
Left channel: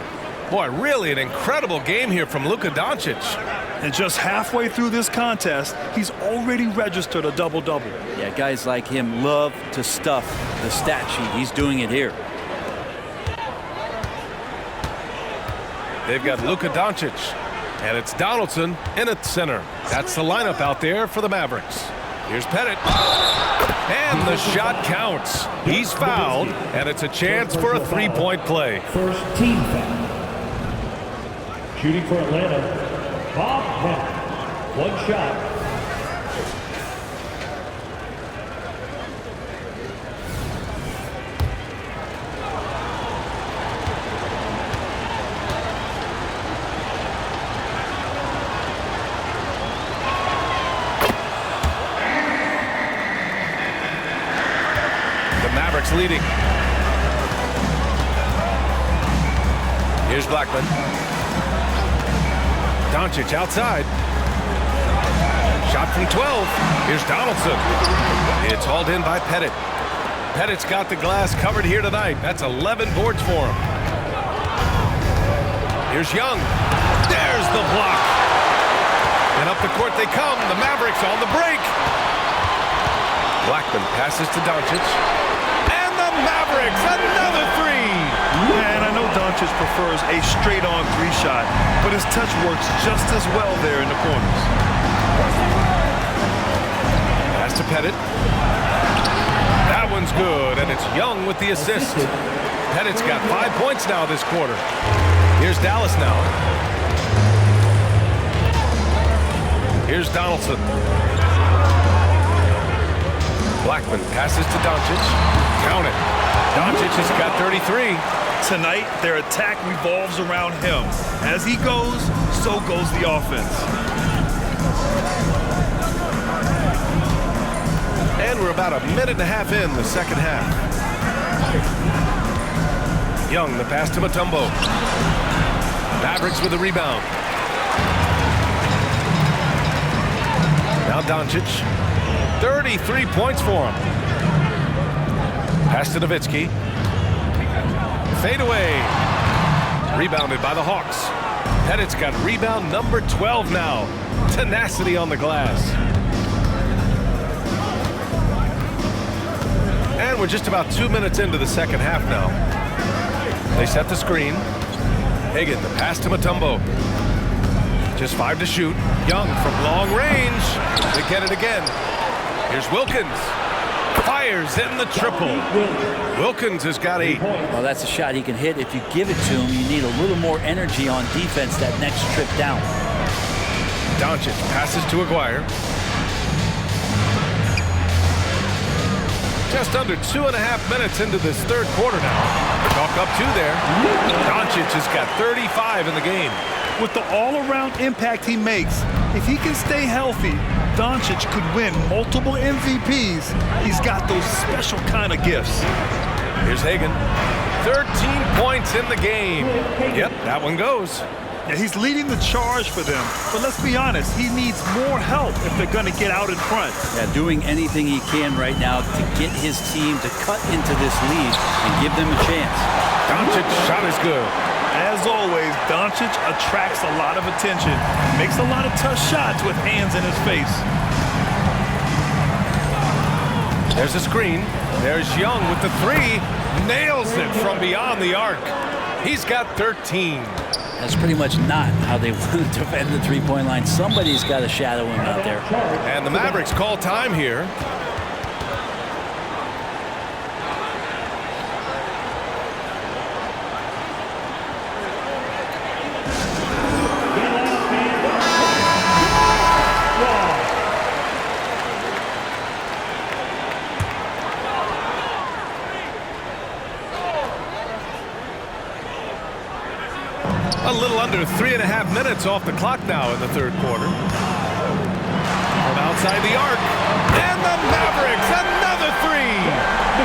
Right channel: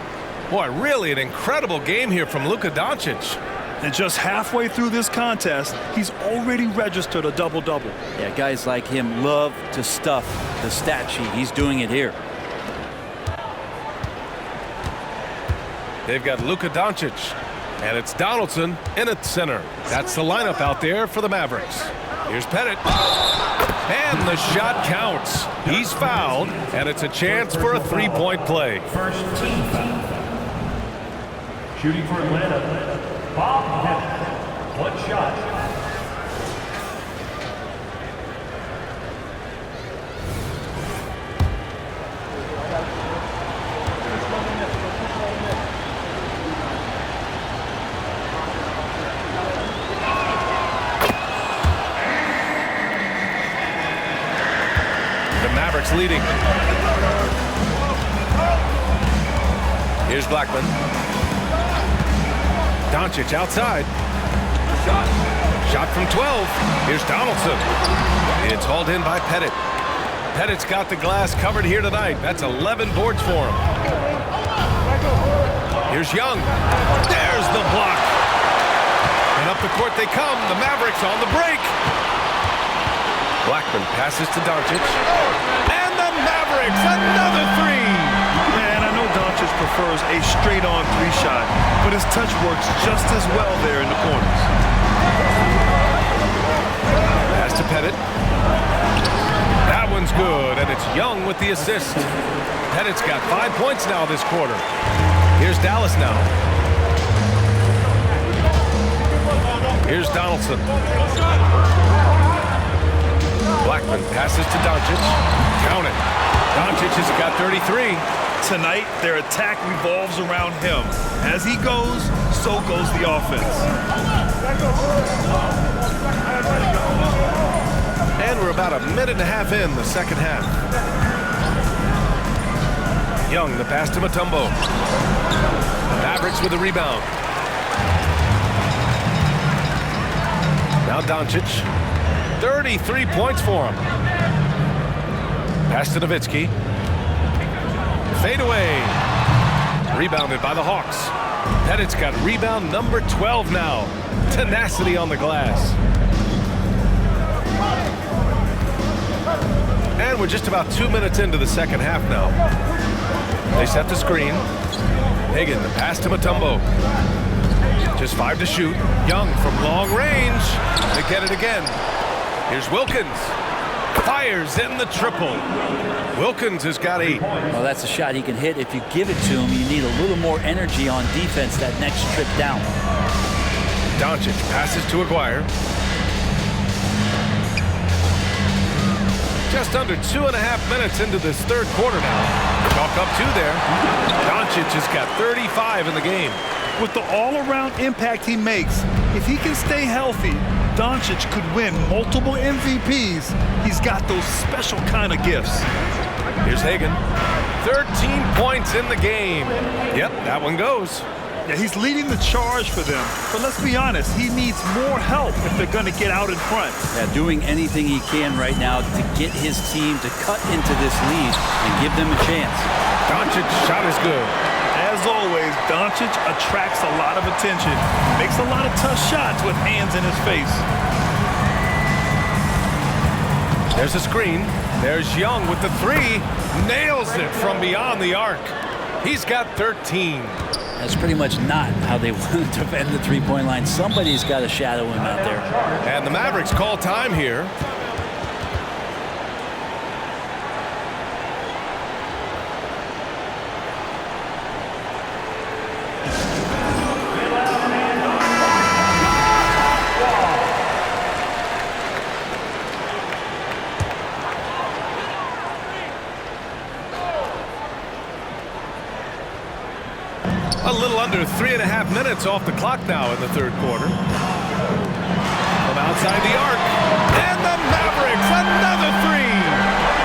Boy, really an incredible game here from Luka Doncic. And just halfway through this contest, he's already registered a double-double. Yeah, guys like him love to stuff the stat sheet. He's doing it here. They've got Luka Doncic, and it's Donaldson in at center. That's the lineup out there for the Mavericks. Here's Pettit. And the shot counts. He's fouled, and it's a chance for a three-point play. First team foul. Shooting for Atlanta, Bob Pettit. One shot. The Mavericks leading. Here's Blackman. Doncic outside. Shot from 12. Here's Donaldson. It's hauled in by Pettit. Pettit's got the glass covered here tonight. That's 11 boards for him. Here's Young. There's the block. And up the court they come. The Mavericks on the break. Blackman passes to Doncic. And the Mavericks, another three. And I know Doncic prefers a straight-on three-shot, but his touch works just as well there in the corners. Pass to Pettit. That one's good, and it's Young with the assist. Pettit's got 5 points now this quarter. Here's Dallas now. Here's Donaldson. Blackman passes to Doncic. Count it. Doncic has got 33. Tonight, their attack revolves around him. As he goes, so goes the offense. And we're about a minute and a half in the second half. Young, the pass to Mutombo. Mavericks with a rebound. Now Doncic. 33 points for him. Pass to Nowitzki. Fade away. Rebounded by the Hawks. Pettit's got rebound number 12 now. Tenacity on the glass. And we're just about 2 minutes into the second half now. They set the screen. Hagan, the pass to Mutombo. Just 5 to shoot. Young from long range. They get it again. Here's Wilkins. Fires in the triple. Wilkins has got 8. Well, that's a shot he can hit. If you give it to him, you need a little more energy on defense that next trip down. Doncic passes to Aguirre. Just under 2.5 minutes into this third quarter now. Chalk up 2 there. Doncic has got 35 in the game. With the all-around impact he makes, if he can stay healthy, Doncic could win multiple MVPs. He's got those special kind of gifts. Here's Hagan. 13 points in the game. Yep, that one goes. Yeah, he's leading the charge for them. But let's be honest, he needs more help if they're going to get out in front. Yeah, doing anything he can right now to get his team to cut into this lead and give them a chance. Doncic's shot is good. As always, Doncic attracts a lot of attention. Makes a lot of tough shots with hands in his face. There's a screen. There's Young with the 3. Nails it from beyond the arc. He's got 13. That's pretty much not how they want to defend the three-point line. Somebody's got to shadow him out there. And the Mavericks call time here. A little under 3.5 minutes off the clock now in the third quarter. From outside the arc, and the Mavericks, another three.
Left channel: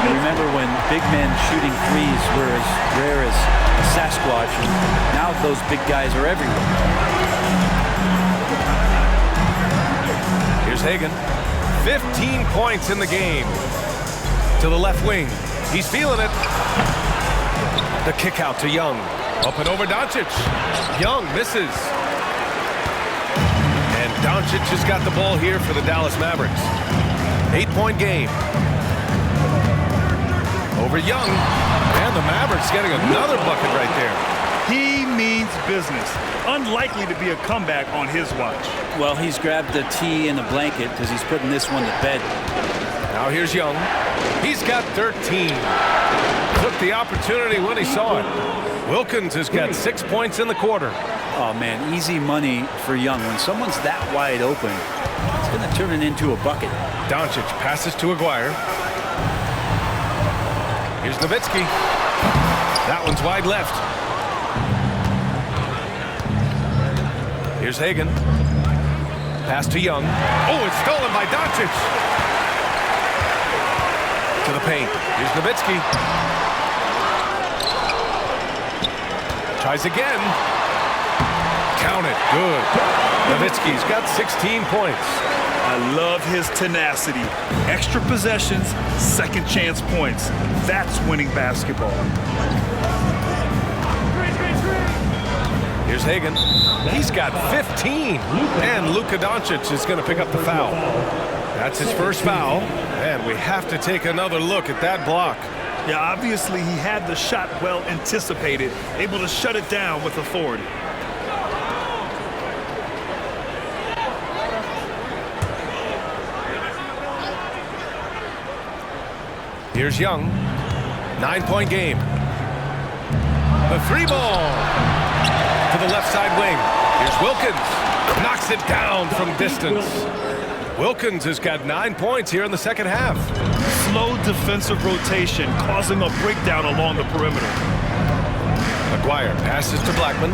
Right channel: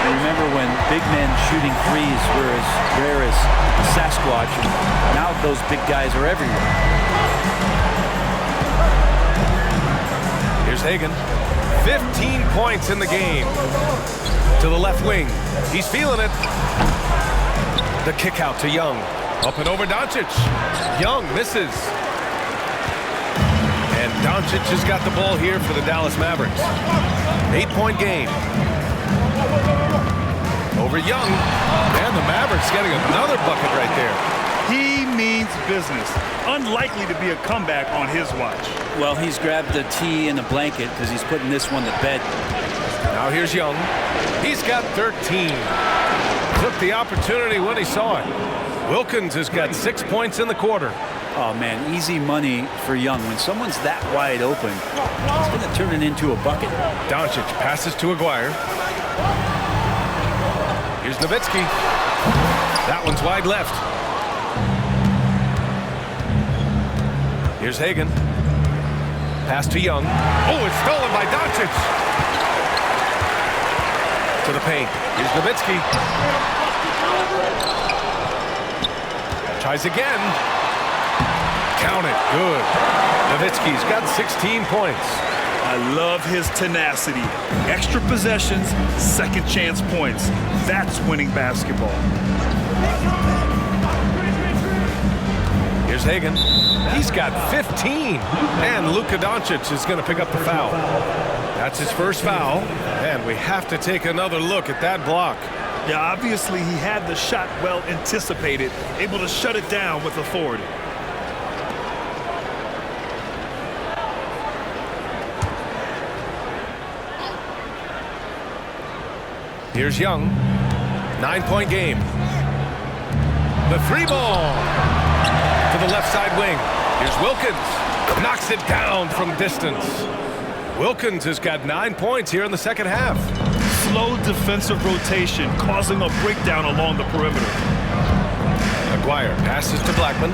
You remember when big men shooting threes were as rare as a Sasquatch, and now those big guys are everywhere. Here's Hagan. 15 points in the game. To the left wing. He's feeling it. The kick out to Young. Up and over Doncic. Young misses. And Doncic has got the ball here for the Dallas Mavericks. 8-point game. Over Young. And the Mavericks getting another bucket right there. He means business. Unlikely to be a comeback on his watch. Well, he's grabbed the tee and a blanket because he's putting this one to bed. Now here's Young. He's got 13. Took the opportunity when he saw it. Wilkins has got 6 points in the quarter. Oh, man, easy money for Young. When someone's that wide open, it's going to turn it into a bucket. Doncic passes to Aguirre. Here's Nowitzki. That one's wide left. Here's Hagan. Pass to Young. Oh, it's stolen by Doncic. To the paint. Here's Nowitzki. Tries again. Count it. Good. Nowitzki's got 16 points. I love his tenacity. Extra possessions, second chance points. That's winning basketball. Here's Hagan. He's got 15. And Luka Doncic is going to pick up the foul. That's his first foul. And we have to take another look at that block. Yeah, obviously he had the shot well anticipated, able to shut it down with authority. Here's Young. 9-point game. The three ball. To the left side wing. Here's Wilkins. Knocks it down from distance. Wilkins has got 9 points here in the second half. Slow defensive rotation causing a breakdown along the perimeter. Aguirre passes to Blackman.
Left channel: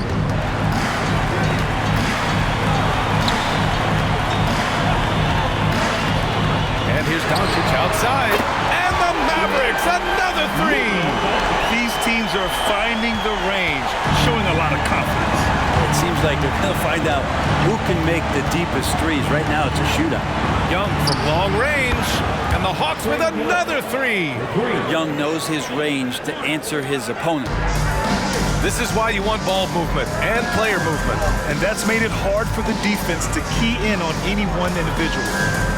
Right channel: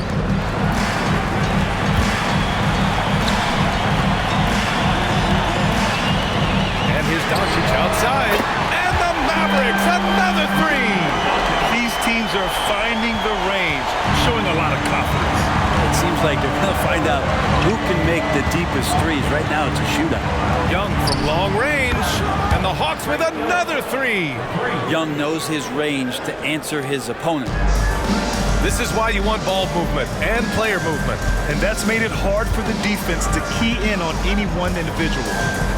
And here's Doncic outside. And the Mavericks, another three. These teams are finding the range, showing a lot of confidence. It seems like they're going to find out who can make the deepest threes. Right now, it's a shootout. Young from long range, and the Hawks with another three. Young knows his range to answer his opponent. This is why you want ball movement and player movement. And that's made it hard for the defense to key in on any one individual.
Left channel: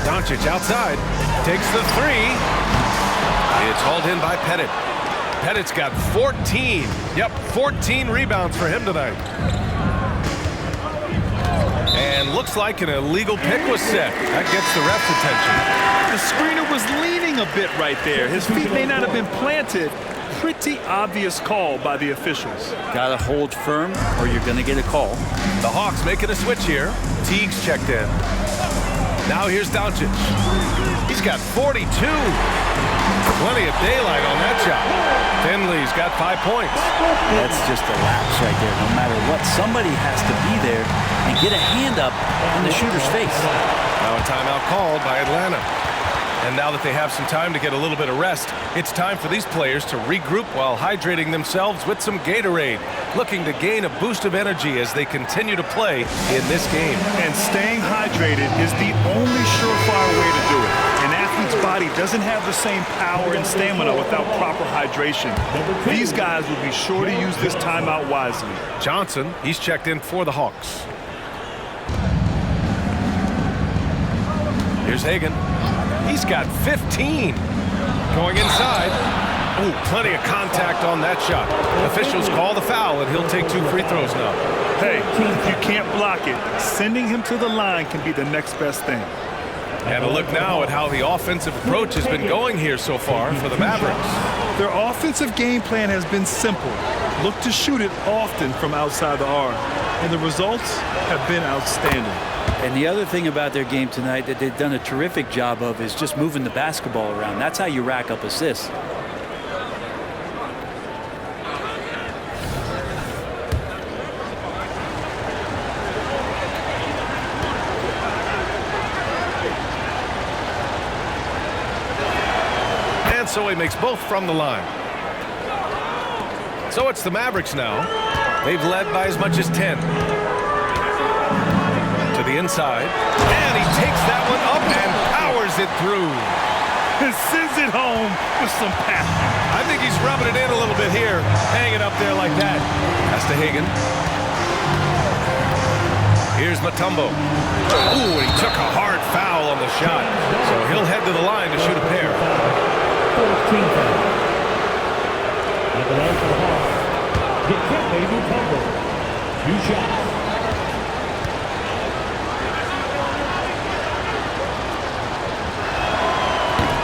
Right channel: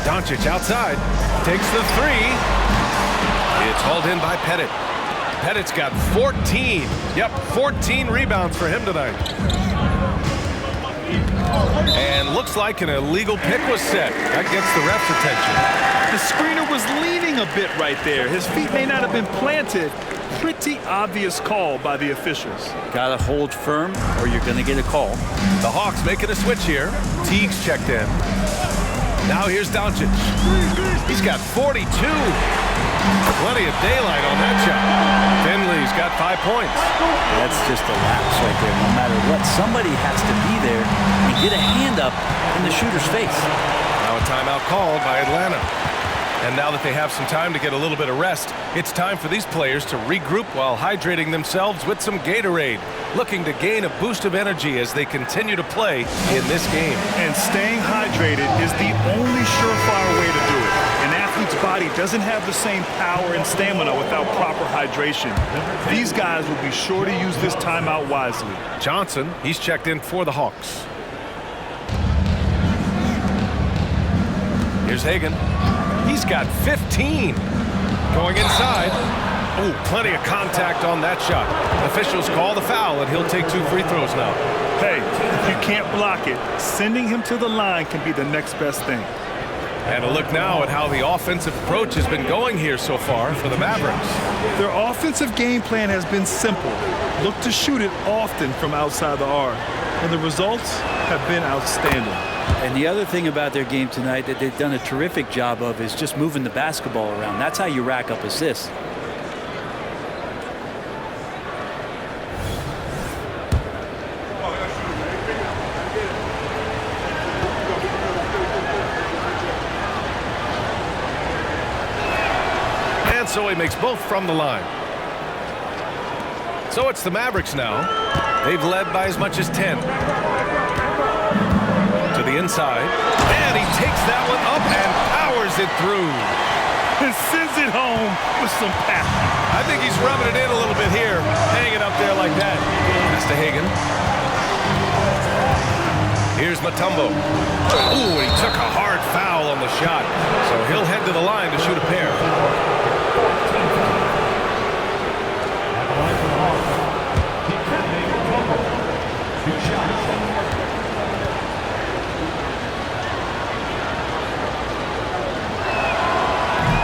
Doncic outside, takes the three. It's hauled in by Pettit. Pettit's got 14. Yep, 14 rebounds for him tonight. And looks like an illegal pick was set. That gets the ref's attention. The screener was leaning a bit right there. His feet may not have been planted. Pretty obvious call by the officials. Gotta hold firm or you're gonna get a call. The Hawks making a switch here. Teague's checked in. Now here's Doncic. He's got 42. Plenty of daylight on that shot. Finley's got 5 points. That's just a lapse right there. No matter what, somebody has to be there and get a hand up in the shooter's face. Now a timeout called by Atlanta. And now that they have some time to get a little bit of rest, it's time for these players to regroup while hydrating themselves with some Gatorade, looking to gain a boost of energy as they continue to play in this game. And staying hydrated is the only surefire way to do it. An athlete's body doesn't have the same power and stamina without proper hydration. These guys will be sure to use this timeout wisely. Johnson, he's checked in for the Hawks. Here's Hagan. He's got 15. Going inside. Oh, plenty of contact on that shot. Officials call the foul, and he'll take 2 free throws now. Hey, if you can't block it, sending him to the line can be the next best thing. And a look now at how the offensive approach has been going here so far for the Mavericks. Their offensive game plan has been simple. Look to shoot it often from outside the arc. And the results have been outstanding. And the other thing about their game tonight that they've done a terrific job of is just moving the basketball around. That's how you rack up assists. And so he makes both from the line. So it's the Mavericks now. They've led by as much as 10. To the inside. And he takes that one up and powers it through. And sends it home with some passion. I think he's rubbing it in a little bit here. Hanging up there like that. Pass to Hagan. Here's Mutombo. Ooh, and he took a hard foul on the shot. So he'll head to the line to shoot a pair. 14 foul. At the line for the Hawks, Dikembe Mutombo. 2 shots.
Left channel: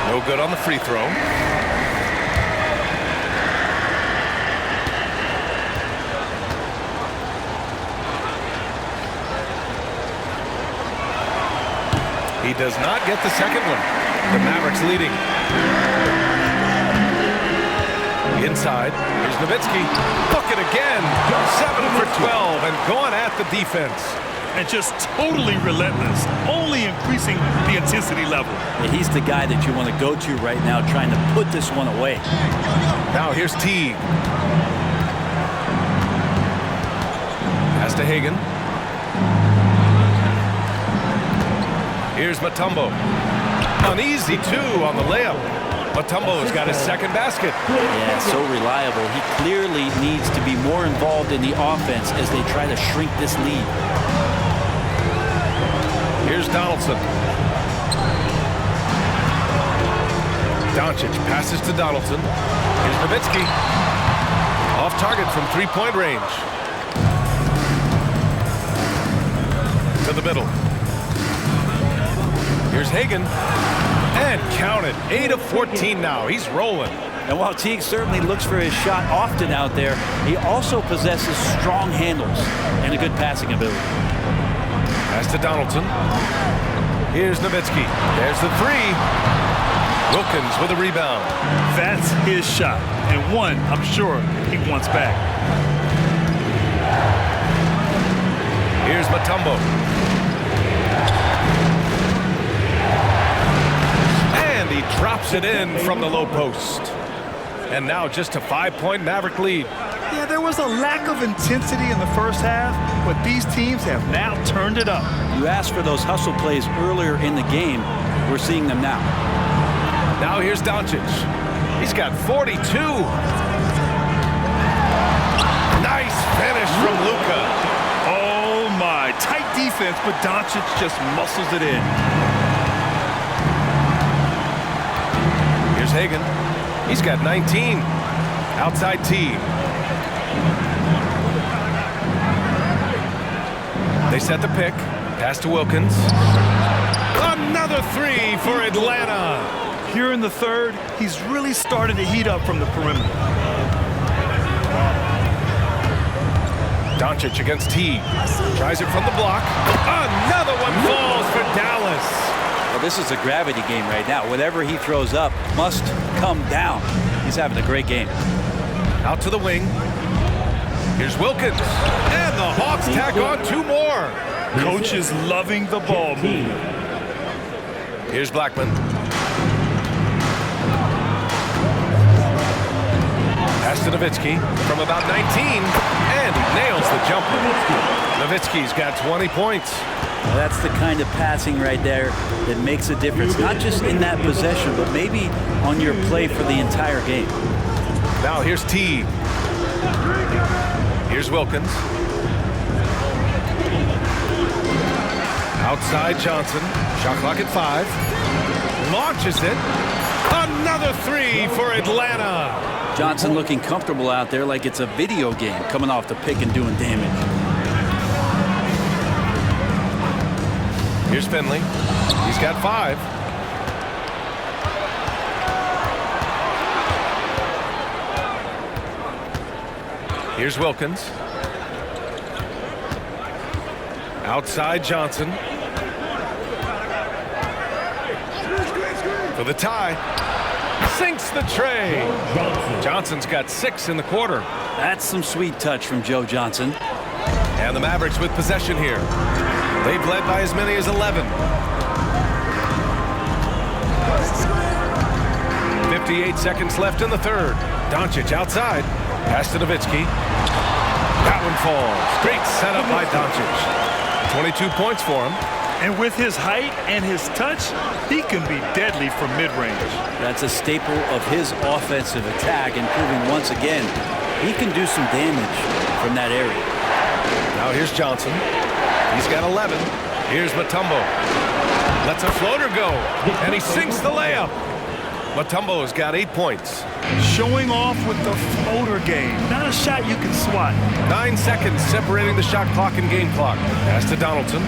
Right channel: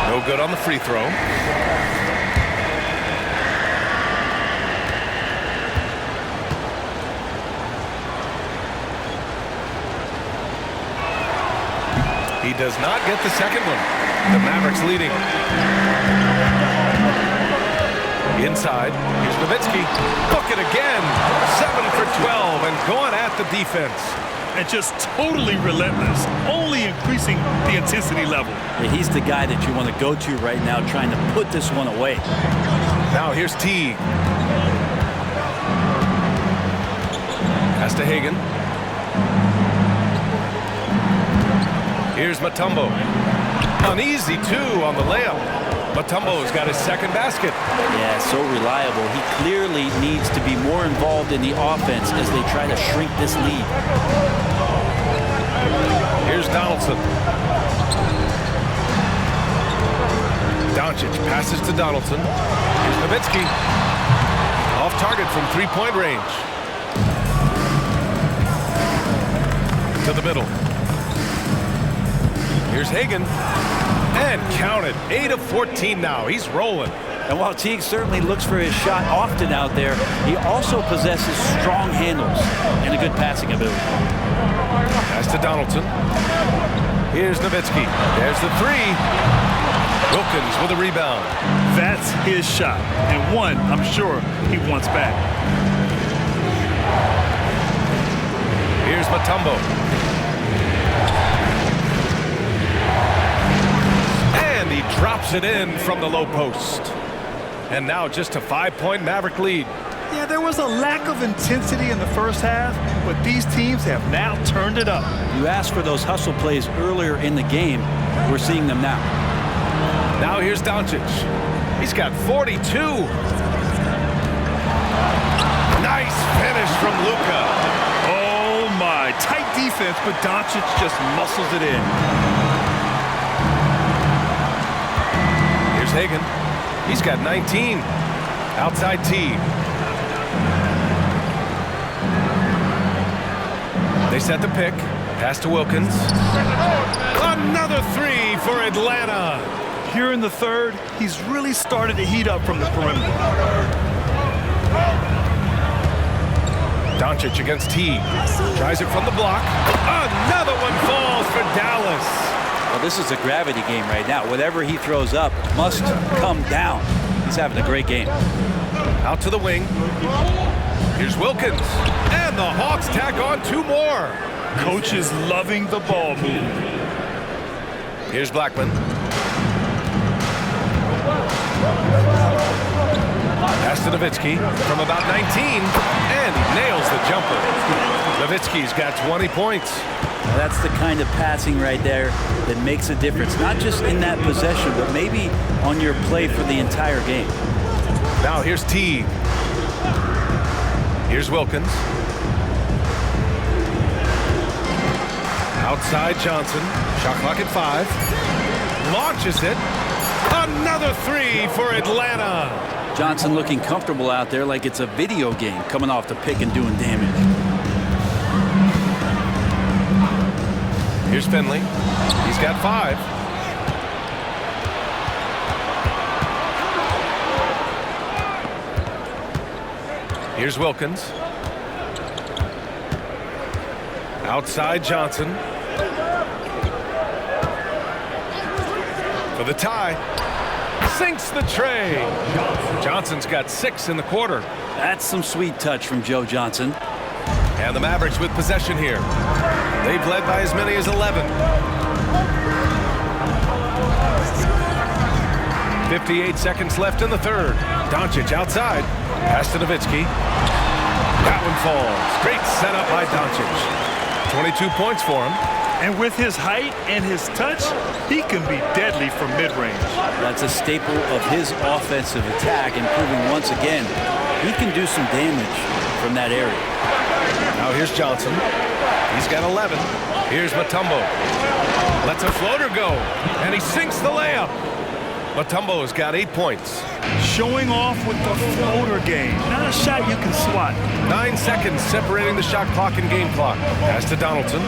No good on the free throw. He does not get the second one. The Mavericks leading. Inside, here's Nowitzki. Look it again. 7 for 12 and going at the defense. And just totally relentless, only increasing the intensity level. Yeah, he's the guy that you want to go to right now, trying to put this one away. Now here's Teague. Pass to Hagan. Here's Mutombo. An easy 2 on the layup. Mutombo's got his second basket. Yeah, so reliable. He clearly needs to be more involved in the offense as they try to shrink this lead. Here's Donaldson. Doncic passes to Donaldson. Here's Nowitzki. Off target from 3-point range. To the middle. Here's Hagan. And counted. 8 of 14 now. He's rolling. And while Teague certainly looks for his shot often out there, he also possesses strong handles and a good passing ability. Pass to Donaldson. Here's Nowitzki. There's the 3. Wilkins with a rebound. That's his shot, and one I'm sure he wants back. Here's Mutombo. And he drops it in from the low post. And now just a 5-point Maverick lead. Yeah, there was a lack of intensity in the first half, but these teams have now turned it up. You asked for those hustle plays earlier in the game. We're seeing them now. Now here's Doncic. He's got 42. Nice finish from Luka. Oh my, tight defense, but Doncic just muscles it in. Here's Hagan. He's got 19. Outside T. They set the pick. Pass to Wilkins. Another 3 for Atlanta. Here in the third, he's really started to heat up from the perimeter. Doncic against T. Tries it from the block. Another one falls for Dallas. Well, this is a gravity game right now. Whatever he throws up must come down. He's having a great game. Out to the wing. Here's Wilkins. And the Hawks tack on 2 more. Coach is loving the ball movement. Here's Blackman. Pass to Nowitzki from about 19. And he nails the jumper. Nowitzki's got 20 points. Now that's the kind of passing right there that makes a difference. Not just in that possession, but maybe on your play for the entire game. Now here's T. Here's Wilkins. Outside Johnson. Shot clock at 5. Launches it. Another three for Atlanta. Johnson looking comfortable out there like it's a video game, coming off the pick and doing damage. Here's Finley. He's got 5. Here's Wilkins. Outside Johnson. For the tie. Sinks the tray. Johnson's got 6 in the quarter. That's some sweet touch from Joe Johnson. And the Mavericks with possession here. They've led by as many as 11. 58 seconds left in the third. Doncic outside. Pass to Nowitzki. That one falls. Great setup by Doncic. 22 points for him. And with his height and his touch, he can be deadly from mid-range. That's a staple of his offensive attack, and proving once again he can do some damage from that area. Now here's Johnson. He's got 11. Here's Mutombo. Lets a floater go, and he sinks the layup. Mutombo has got 8 points. Showing off with the floater game. Not a shot you can swat. 9 seconds separating the shot clock and game clock. Pass to Donaldson.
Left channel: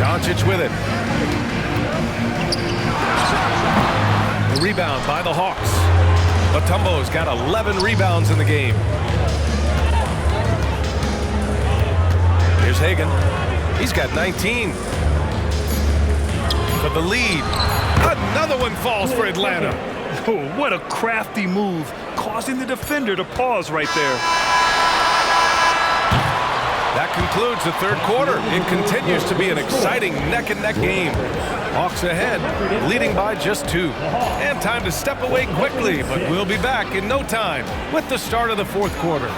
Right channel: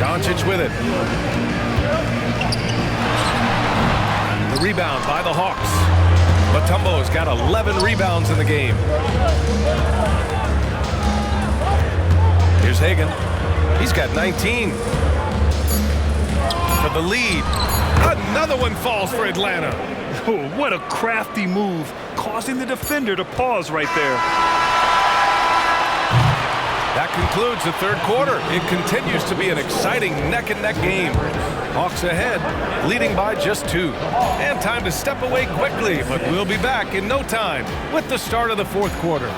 Doncic with it. The rebound by the Hawks. Mutombo's got 11 rebounds in the game. Here's Hagan. He's got 19. For the lead. Another one falls for Atlanta. Oh, what a crafty move, causing the defender to pause right there. That concludes the third quarter. It continues to be an exciting neck-and-neck game. Hawks ahead, leading by just 2. And time to step away quickly, but we'll be back in no time with the start of the fourth quarter.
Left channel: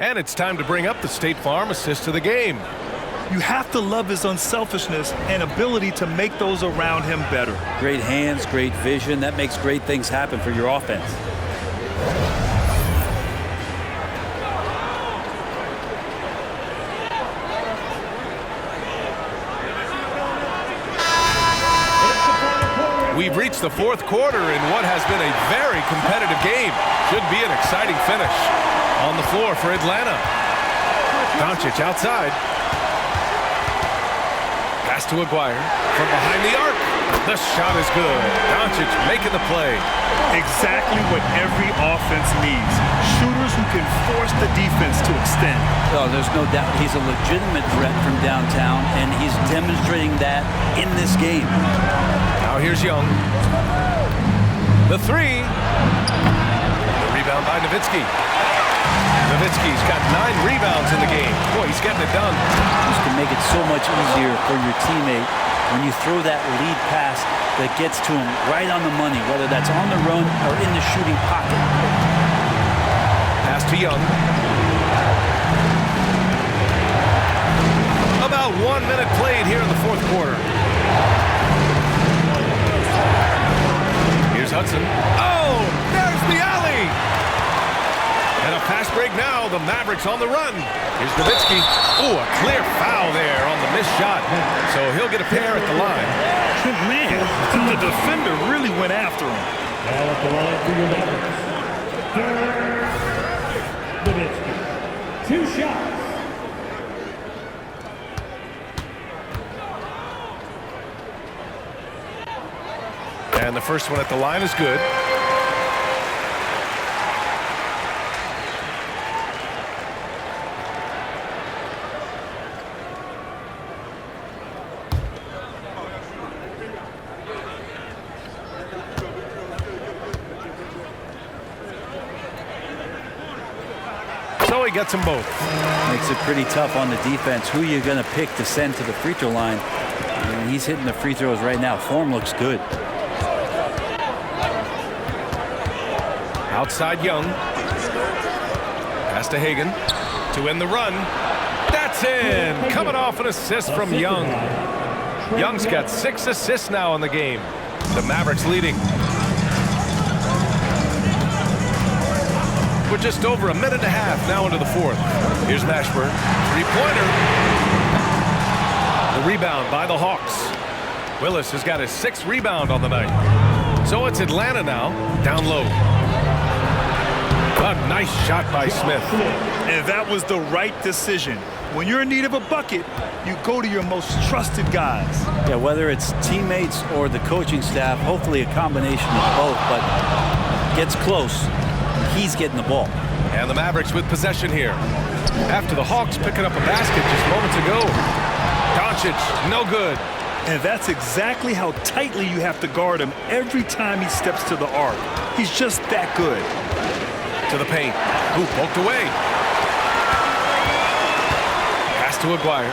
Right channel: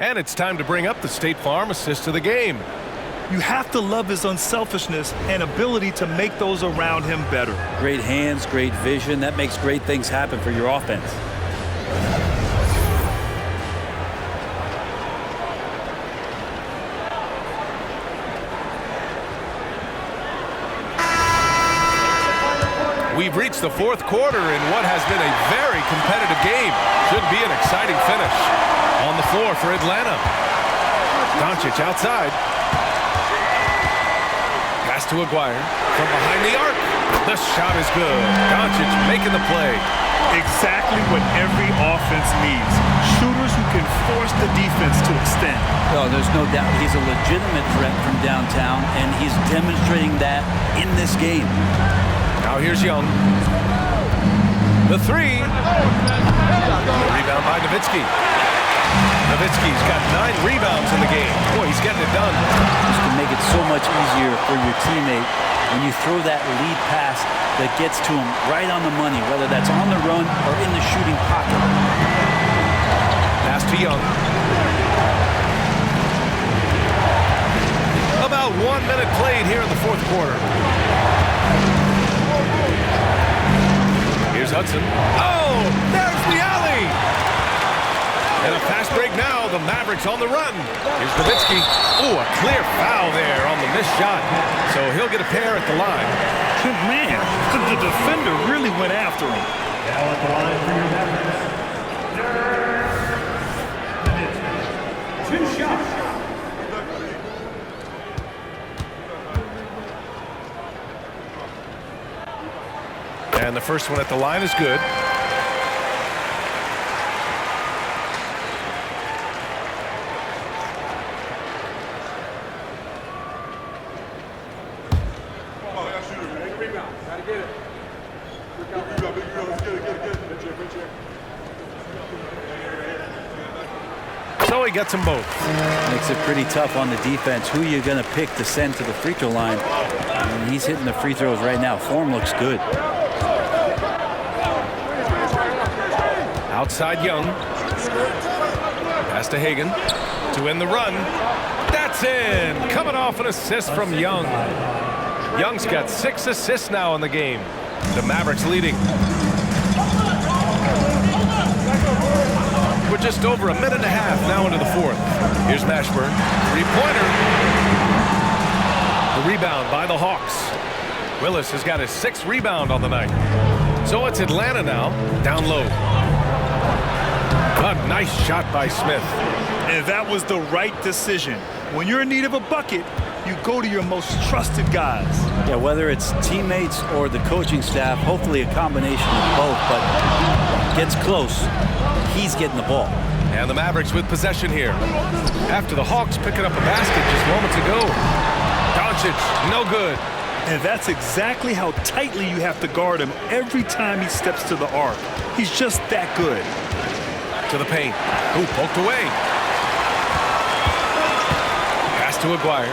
And it's time to bring up the State Farm assist of the game. You have to love his unselfishness and ability to make those around him better. Great hands, great vision. That makes great things happen for your offense. We've reached the fourth quarter in what has been a very competitive game. Should be an exciting finish. On the floor for Atlanta. Doncic outside. Pass to Aguirre from behind the arc. The shot is good. Doncic making the play. Exactly what every offense needs. Shooters who can force the defense to extend. Oh, there's no doubt he's a legitimate threat from downtown, and he's demonstrating that in this game. Now here's Young. The three. The rebound by Nowitzki. Nowitzki's got 9 rebounds in the game. Boy, he's getting it done. This can make it so much easier for your teammate when you throw that lead pass that gets to him right on the money, whether that's on the run or in the shooting pocket. Pass to Young. About 1 minute played here in the fourth quarter. Here's Hudson. Oh, there's the alley. And a fast break now. The Mavericks on the run. Here's Nowitzki. Oh, a clear foul there on the missed shot. So he'll get a pair at the line. Man, the defender really went after him. Now at the line for your Mavericks. Nowitzki. 2 shots. And the first one at the line is good. So he gets them both. Makes it pretty tough on the defense. Who you going to pick to send to the free throw line? And he's hitting the free throws right now. Form looks good. Outside Young. Pass to Hagan to end the run. That's in. Coming off an assist from Young. Young's got 6 assists now in the game. The Mavericks leading. We're just over a minute and a half now into the fourth. Here's Mashburn. Three-pointer. The rebound by the Hawks. Willis has got his 6th rebound on the night. So it's Atlanta now, down low. A nice shot by Smith. And that was the right decision. When you're in need of a bucket, you go to your most trusted guys. Yeah, whether it's teammates or the coaching staff, hopefully a combination of both, but gets close. He's getting the ball. And the Mavericks with possession here. After the Hawks picking up a basket just moments ago. Doncic, no good. And that's exactly how tightly you have to guard him every time he steps to the arc. He's just that good. To the paint. Who poked away. Pass to Aguirre.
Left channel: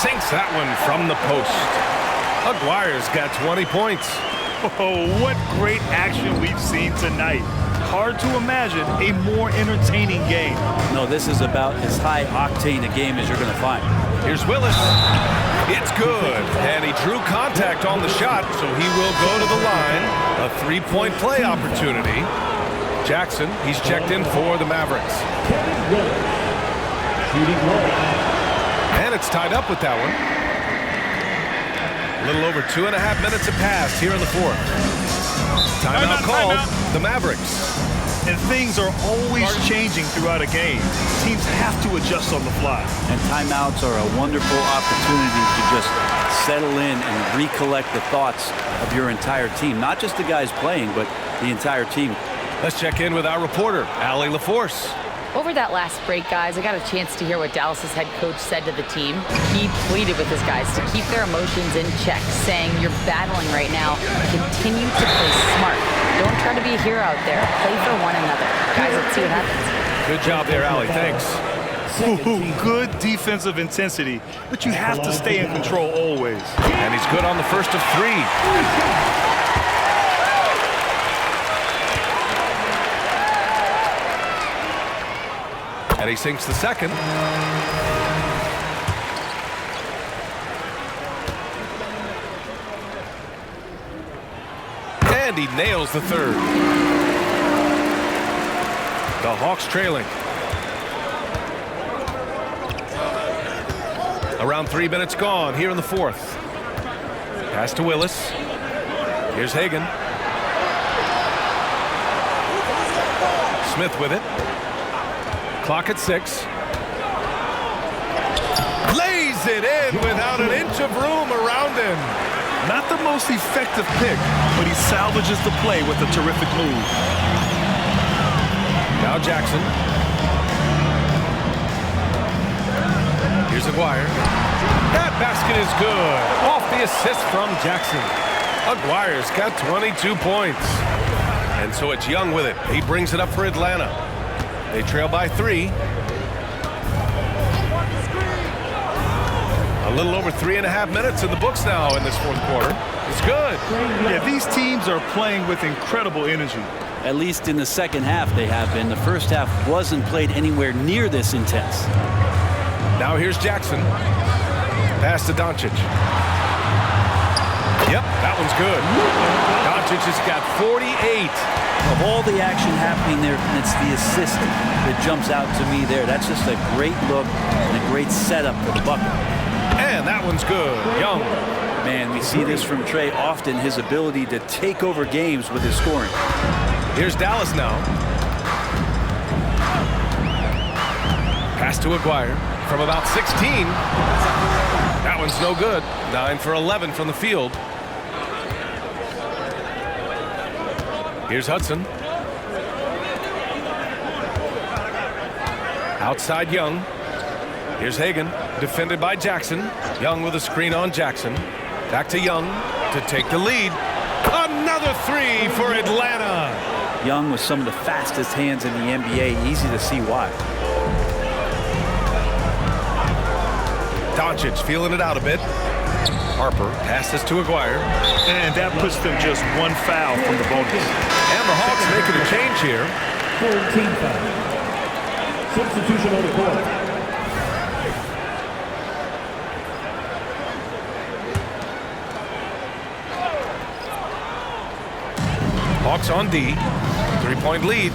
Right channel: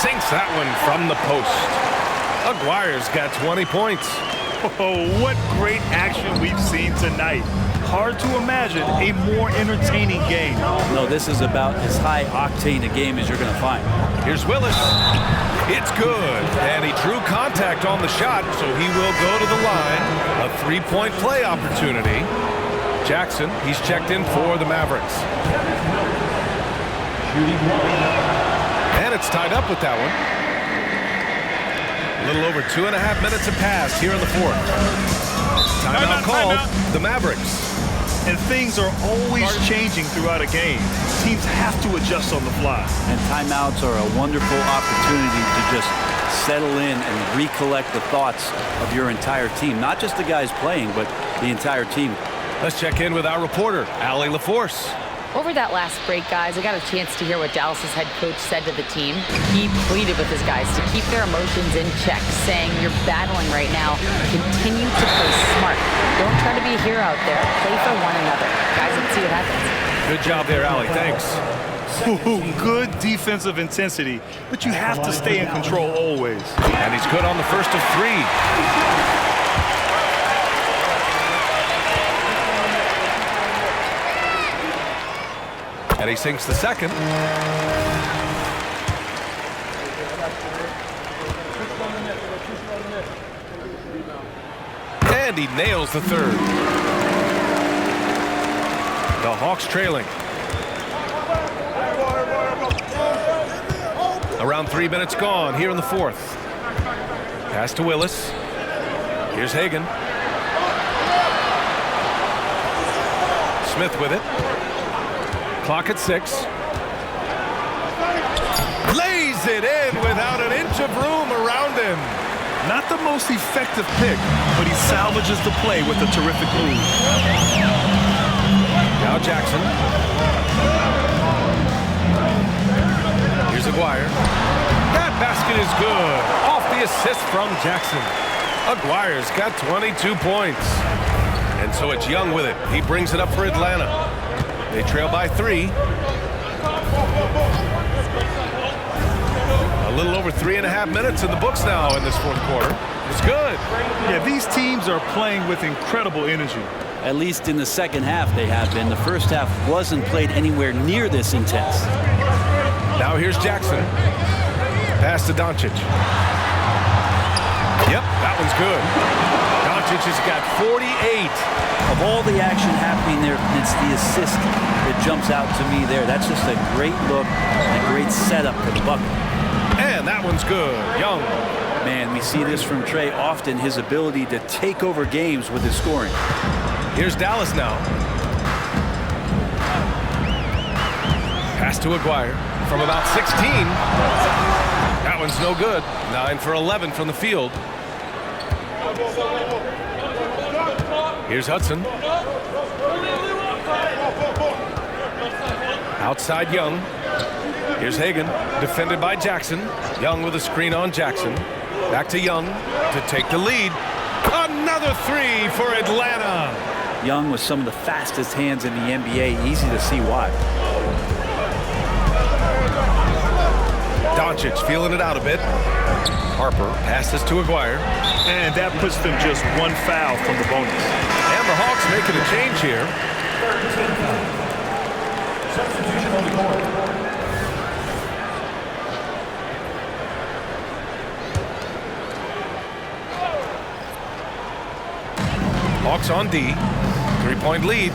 Sinks that one from the post. Aguirre's got 20 points. Oh, what great action we've seen tonight. Hard to imagine a more entertaining game. No, this is about as high-octane a game as you're going to find. Here's Willis. It's good. And he drew contact on the shot, so he will go to the line. A 3-point play opportunity. Jackson, he's checked in for the Mavericks. And it's tied up with that one. A little over 2.5 minutes have passed here in the fourth. Timeout called. The Mavericks. And things are always changing throughout a game. Teams have to adjust on the fly. And timeouts are a wonderful opportunity to just settle in and recollect the thoughts of your entire team. Not just the guys playing, but the entire team. Let's check in with our reporter, Allie LaForce. Over that last break, guys, I got a chance to hear what Dallas's head coach said to the team. He pleaded with his guys to keep their emotions in check, saying, you're battling right now. Continue to play smart. Don't try to be a hero out there. Play for one another. Guys, let's see what happens. Good job there, Allie. Thanks. Ooh, good defensive intensity, but you have to stay in control always. And he's good on the first of 3. And he sinks the second. And he nails the third. The Hawks trailing. Around 3 minutes gone here in the fourth. Pass to Willis. Here's Hagan. Smith with it. Clock at 6. Lays it in without an inch of room around him. Not the most effective pick, but he salvages the play with a terrific move. Now Jackson. Here's Aguirre. That basket is good. Off the assist from Jackson. Aguirre's got 22 points. And so it's Young with it. He brings it up for Atlanta. They trail by 3. A little over 3.5 minutes in the books now in this fourth quarter. It's good. Yeah, these teams are playing with incredible energy. At least in the second half they have been. The first half wasn't played anywhere near this intense. Now here's Jackson. Pass to Doncic. Yep, that one's good. Doncic has got 48. Of all the action happening there, it's the assist that jumps out to me there. That's just a great look and a great setup for the bucket. And that one's good. Young. Man, we see this from Trey often, his ability to take over games with his scoring. Here's Dallas now. Pass to Aguirre from about 16. That one's no good. 9 for 11 from the field. Here's Hudson. Outside Young. Here's Hagan, defended by Jackson. Young with a screen on Jackson. Back to Young to take the lead. Another 3 for Atlanta. Young with some of the fastest hands in the NBA. Easy to see why. Doncic feeling it out a bit. Harper passes to Aguirre. And that puts them just one foul from the bonus. And the Hawks making a change here. Third team foul. Substitution on the court. Hawks on D. 3-point lead.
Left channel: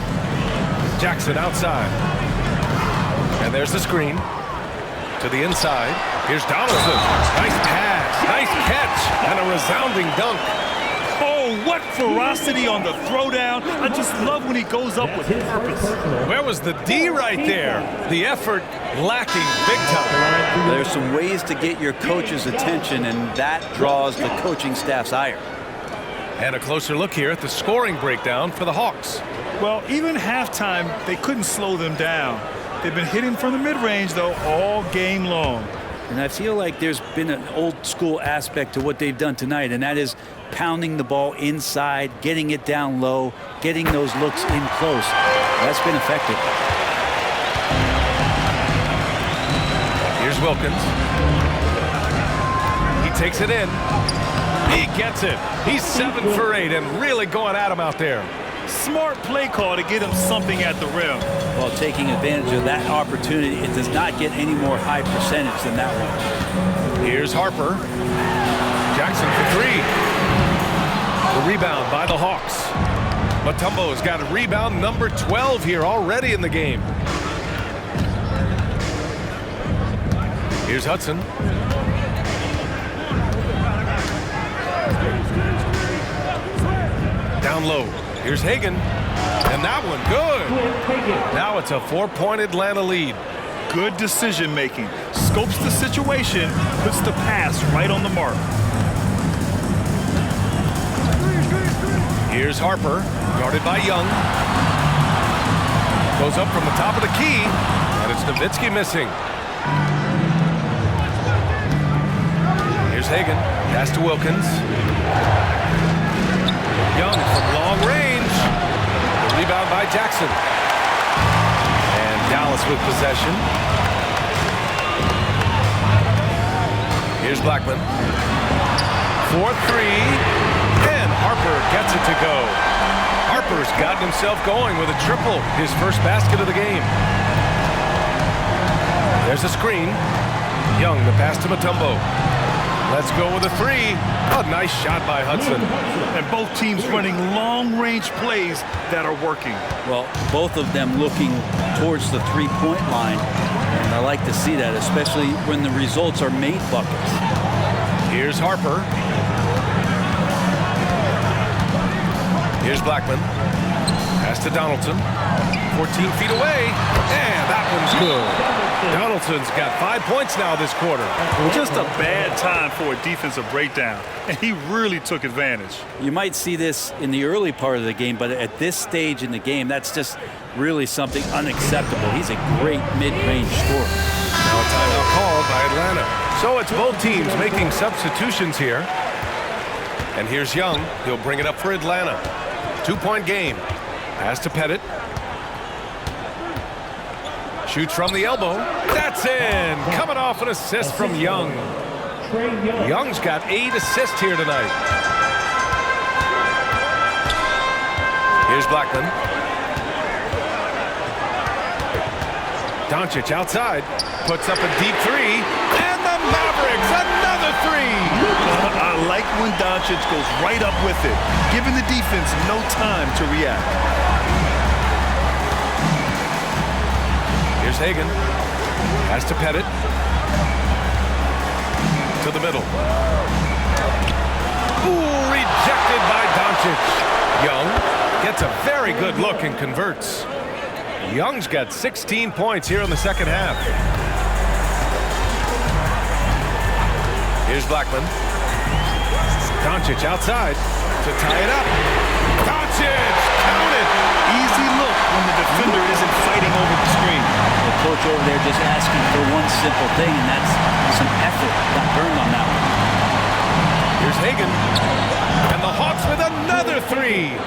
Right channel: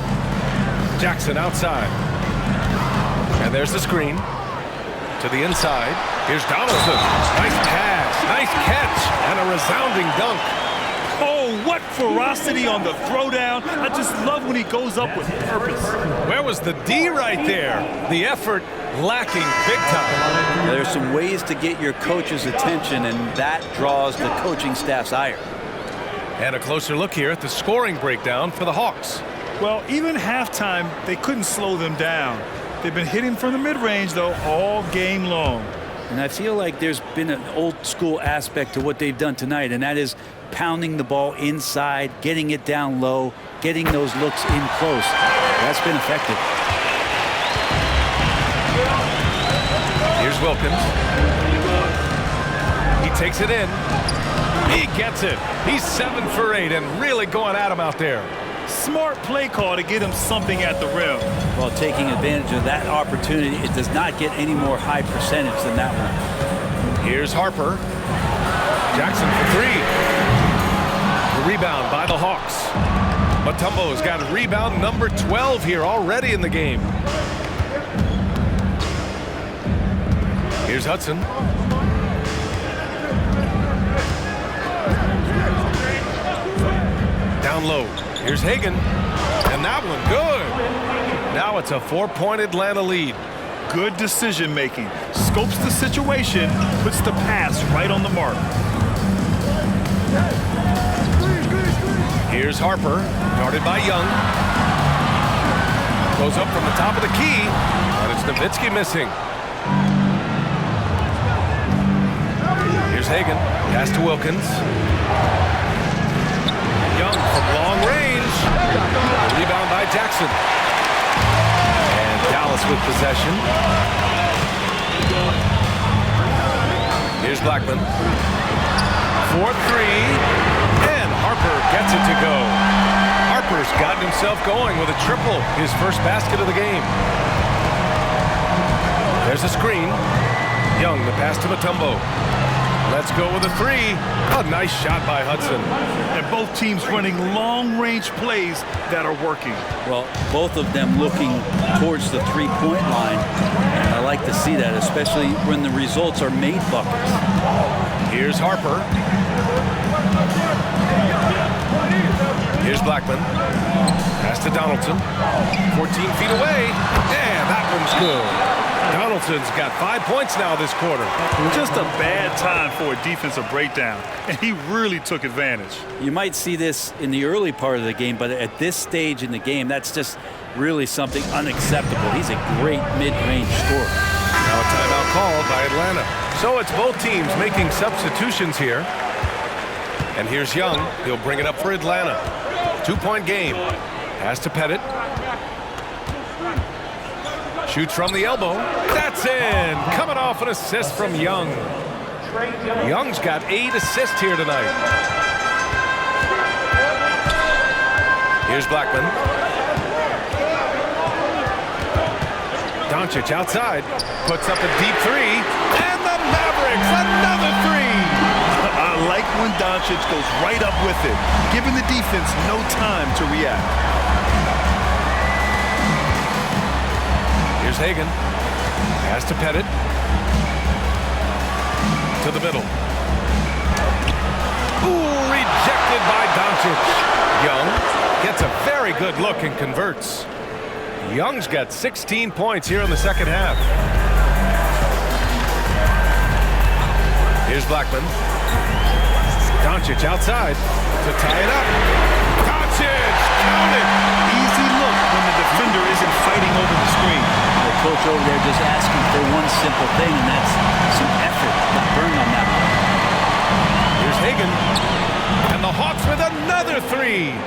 Jackson outside. And there's the screen. To the inside. Here's Donaldson. Nice pass. Nice catch. And a resounding dunk. Oh, what ferocity on the throwdown. I just love when he goes up with purpose. Where was the D right there? The effort lacking big time. There's some ways to get your coach's attention, and that draws the coaching staff's ire. And a closer look here at the scoring breakdown for the Hawks. Well, even halftime, they couldn't slow them down. They've been hitting from the mid-range, though, all game long. And I feel like there's been an old-school aspect to what they've done tonight, and that is pounding the ball inside, getting it down low, getting those looks in close. That's been effective. Here's Wilkins. He takes it in. He gets it. He's 7 for 8 and really going at him out there. Smart play call to get him something at the rim. While taking advantage of that opportunity, it does not get any more high percentage than that one. Here's Harper. Jackson for 3. The rebound by the Hawks. Mutombo's got a rebound number 12 here already in the game. Here's Hudson. Down low. Here's Hagan. And that one good. Now it's a 4-point Atlanta lead. Good decision making. Scopes the situation, puts the pass right on the mark. Here's Harper, guarded by Young. Goes up from the top of the key, and it's Nowitzki missing. Here's Hagan, pass to Wilkins. Young from long range. The rebound by Jackson. And Dallas with possession. Here's Blackman. 4-3. And Harper gets it to go. Harper's gotten himself going with a triple, his first basket of the game. There's a screen. Young, the pass to Mutombo. Let's go with a 3. A nice shot by Hudson. And both teams running long-range plays that are working. Well, both of them looking towards the three-point line, and I like to see that, especially when the results are made buckets. Here's Harper. Here's Blackman. Pass to Donaldson. 14 feet away. And that one's good. Donaldson's got 5 points now this quarter. Just a bad time for a defensive breakdown, and he really took advantage. You might see this in the early part of the game, but at this stage in the game, that's just really something unacceptable. He's a great mid-range scorer. Now a timeout called by Atlanta. So it's both teams making substitutions here. And here's Young. He'll bring it up for Atlanta. 2-point game. Pass to Pettit. Shoots from the elbow. That's in. Coming off an assist from Young. Young's got 8 assists here tonight. Here's Blackman. Doncic outside. Puts up a deep 3. And the Mavericks, another 3. I like when Doncic goes right up with it, giving the defense no time to react. Here's Hagan. Pass to Pettit. To the middle. Ooh, rejected by Doncic. Young gets a very good look and converts. Young's got 16 points here in the second half. Here's Blackman. Doncic outside to tie it up. Doncic, count it. Easy look when the defender isn't fighting over the screen. The coach over there just asking for one simple thing, and that's some effort. Got burned on that one. Here's Hagan. And the Hawks with another 3.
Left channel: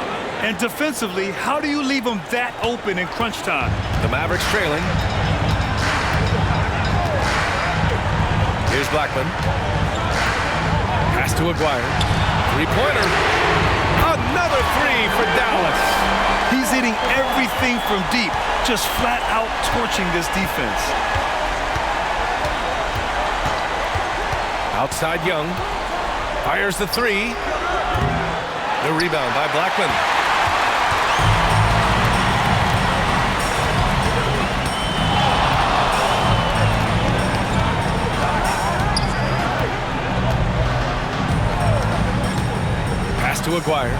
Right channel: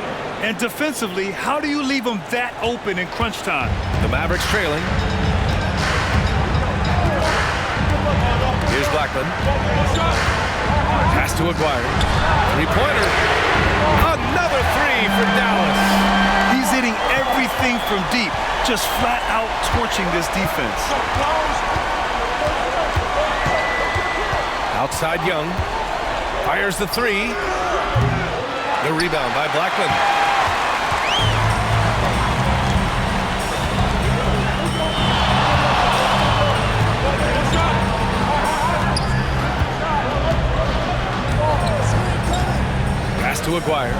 And defensively, how do you leave them that open in crunch time? The Mavericks trailing. Here's Blackman. Pass to Aguirre. 3-pointer. Another 3 for Dallas. He's hitting everything from deep, just flat out torching this defense. Outside Young. Fires the 3. The rebound by Blackman. to Aguirre.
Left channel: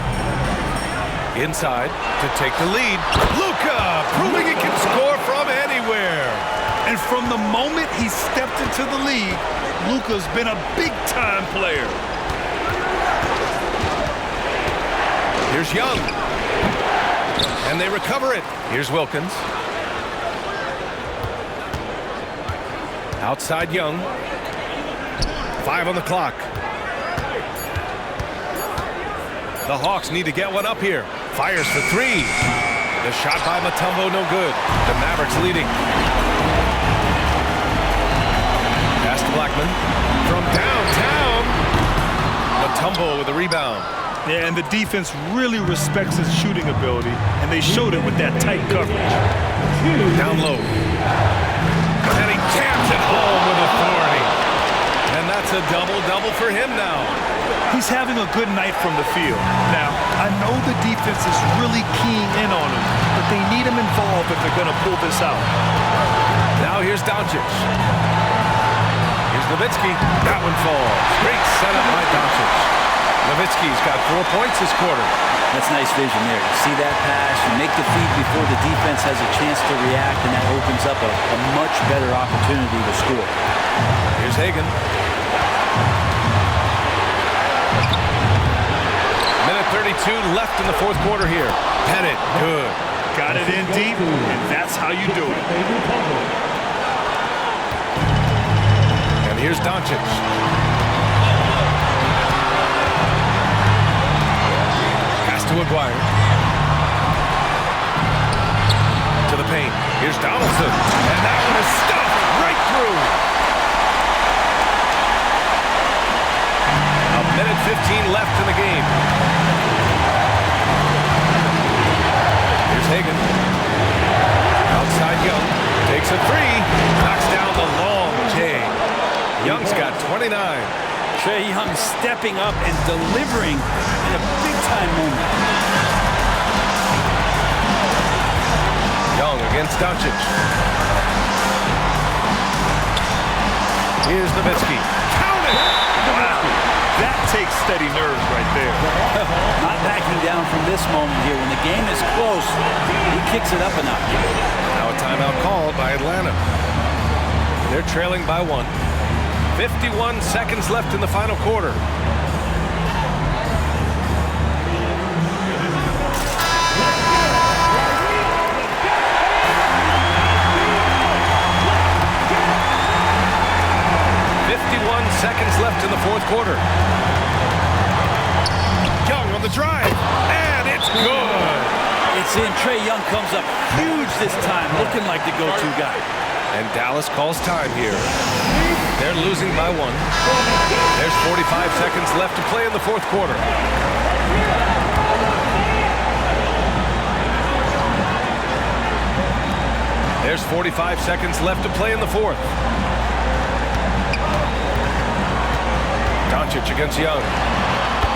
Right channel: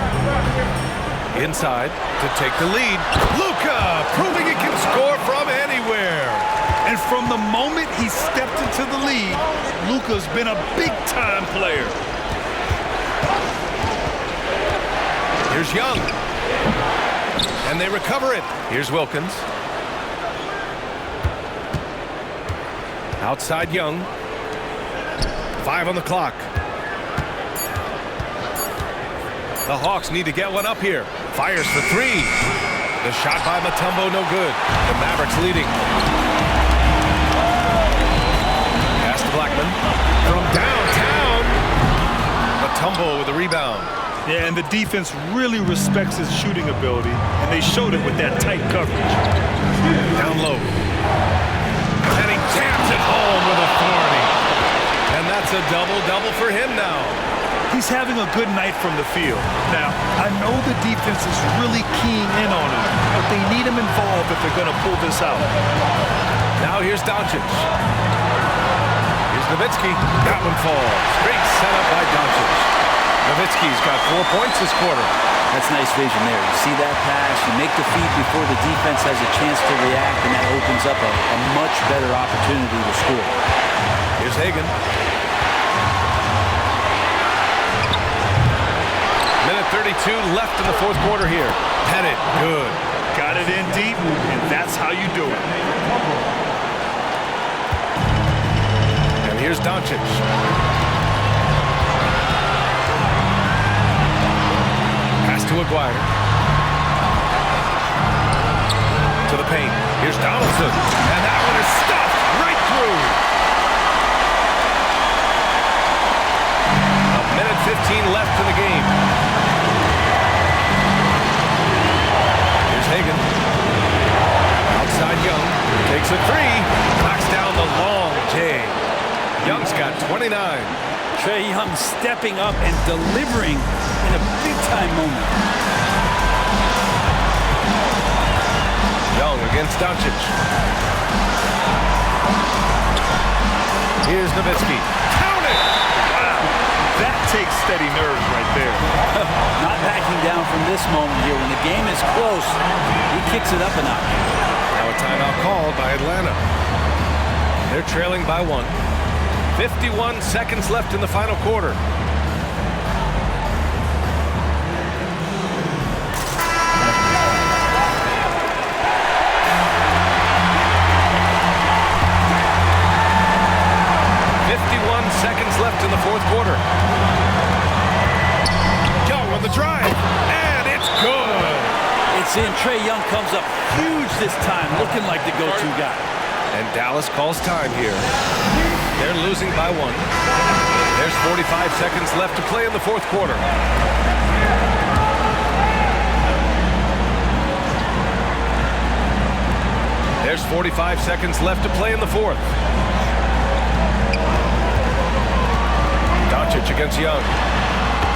Inside to take the lead. Luka proving he can score from anywhere. And from the moment he stepped into the league, Luka's been a big-time player. Here's Young. And they recover it. Here's Wilkins. Outside Young. 5 on the clock. The Hawks need to get one up here. Fires for 3. The shot by Mutombo, no good. The Mavericks leading. Pass to Blackman. From downtown. Mutombo with the rebound. Yeah, and the defense really respects his shooting ability, and they showed it with that tight coverage. Down low. And he jams it home with authority. And that's a double-double for him now. He's having a good night from the field. Now, I know the defense is really keying in on him, but they need him involved if they're going to pull this out. Now here's Doncic. Here's Nowitzki. That one falls. Great setup by Doncic. Nowitzki's got 4 points this quarter. That's nice vision there. You see that pass, you make the feed before the defense has a chance to react, and that opens up a much better opportunity to score. Here's Hagan. Minute 32 left in the fourth quarter here. Pettit, good. Got it in deep, and that's how you do it. And here's Doncic. Pass to Aguirre. To the paint. Here's Donaldson. And that one is stuffed right through. A minute 15 left in the game. Here's Hagan. Outside Young. Takes a 3. Knocks down the long J. Young's got 29. Trae Young stepping up and delivering in a big-time moment. Young against Doncic. Here's Nowitzki. Count it! Wow, that takes steady nerves right there. Not backing down from this moment here. When the game is close, he kicks it up a notch. Now a timeout called by Atlanta. They're trailing by 1. 51 seconds left in the final quarter. Seconds left in the fourth quarter. Young on the drive, and it's good. It's in. Trae Young comes up huge this time, looking like the go-to guy. And Dallas calls time here. They're losing by 1. There's 45 seconds left to play in the fourth quarter. There's 45 seconds left to play in the fourth. Doncic against Young.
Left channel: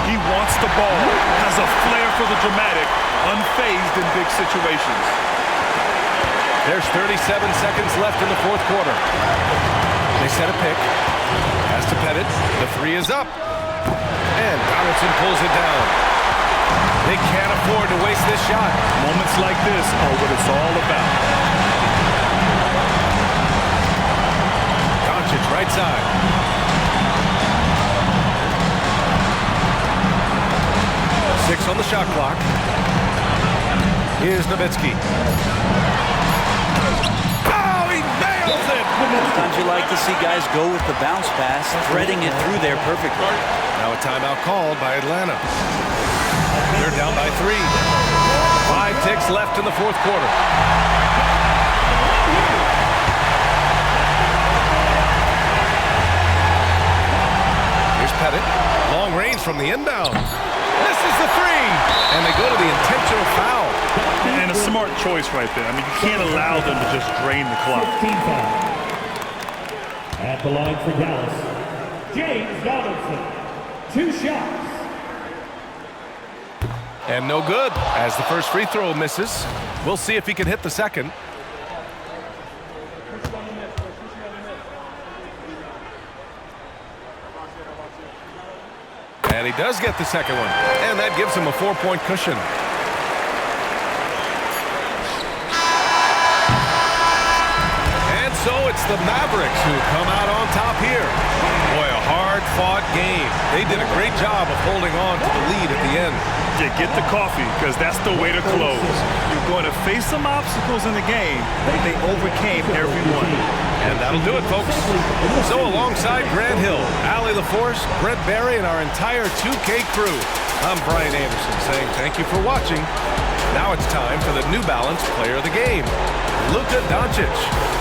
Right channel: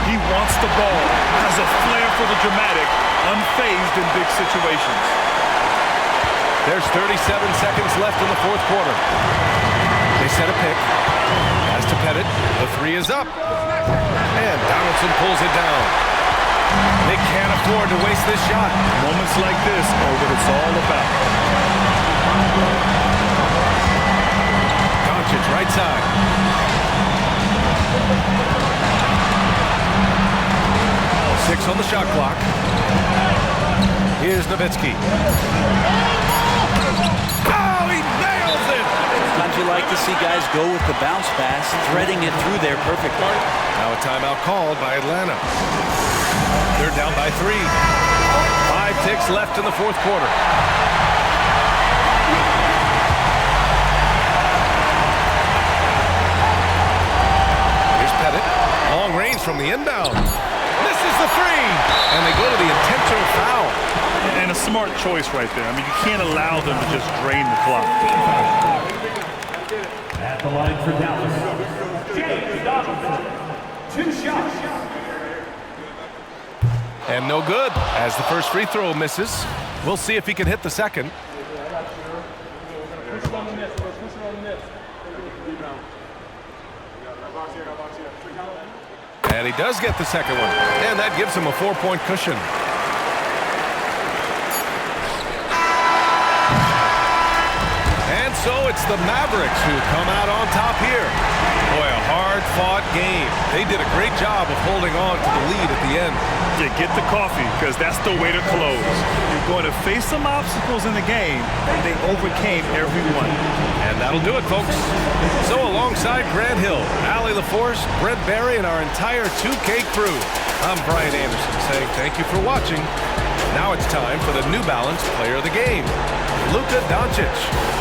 He wants the ball, has a flair for the dramatic, unfazed in big situations. There's 37 seconds left in the fourth quarter. They set a pick. Pass to Pettit. The 3 is up. And Donaldson pulls it down. They can't afford to waste this shot. Moments like this are what it's all about. Doncic, right side. Six on the shot clock. Here's Nowitzki. Oh, he nails it! Sometimes you like to see guys go with the bounce pass, threading it through there perfectly. Now a timeout called by Atlanta. They're down by 3. 5 ticks left in the fourth quarter. Here's Pettit. Long range from the inbound. Misses the 3. And they go to the intentional foul. And a smart choice right there. I mean, you can't allow them to just drain the clock. At the line for Dallas, James Donaldson. 2 shots. And no good, as the first free throw misses. We'll see if he can hit the second. And he does get the second one. And that gives him a 4-point cushion. And so it's the Mavericks who come out on top here. Boy, a hard-fought game. They did a great job of holding on to the lead at the end. Yeah, get the coffee, because that's the way to close. You're going to face some obstacles in the game, but they overcame every one. And that'll do it, folks. So alongside Grant Hill, Allie LaForce, Brent Barry, and our entire 2K crew, I'm Brian Anderson saying thank you for watching. Now it's time for the New Balance Player of the Game, Luka Doncic.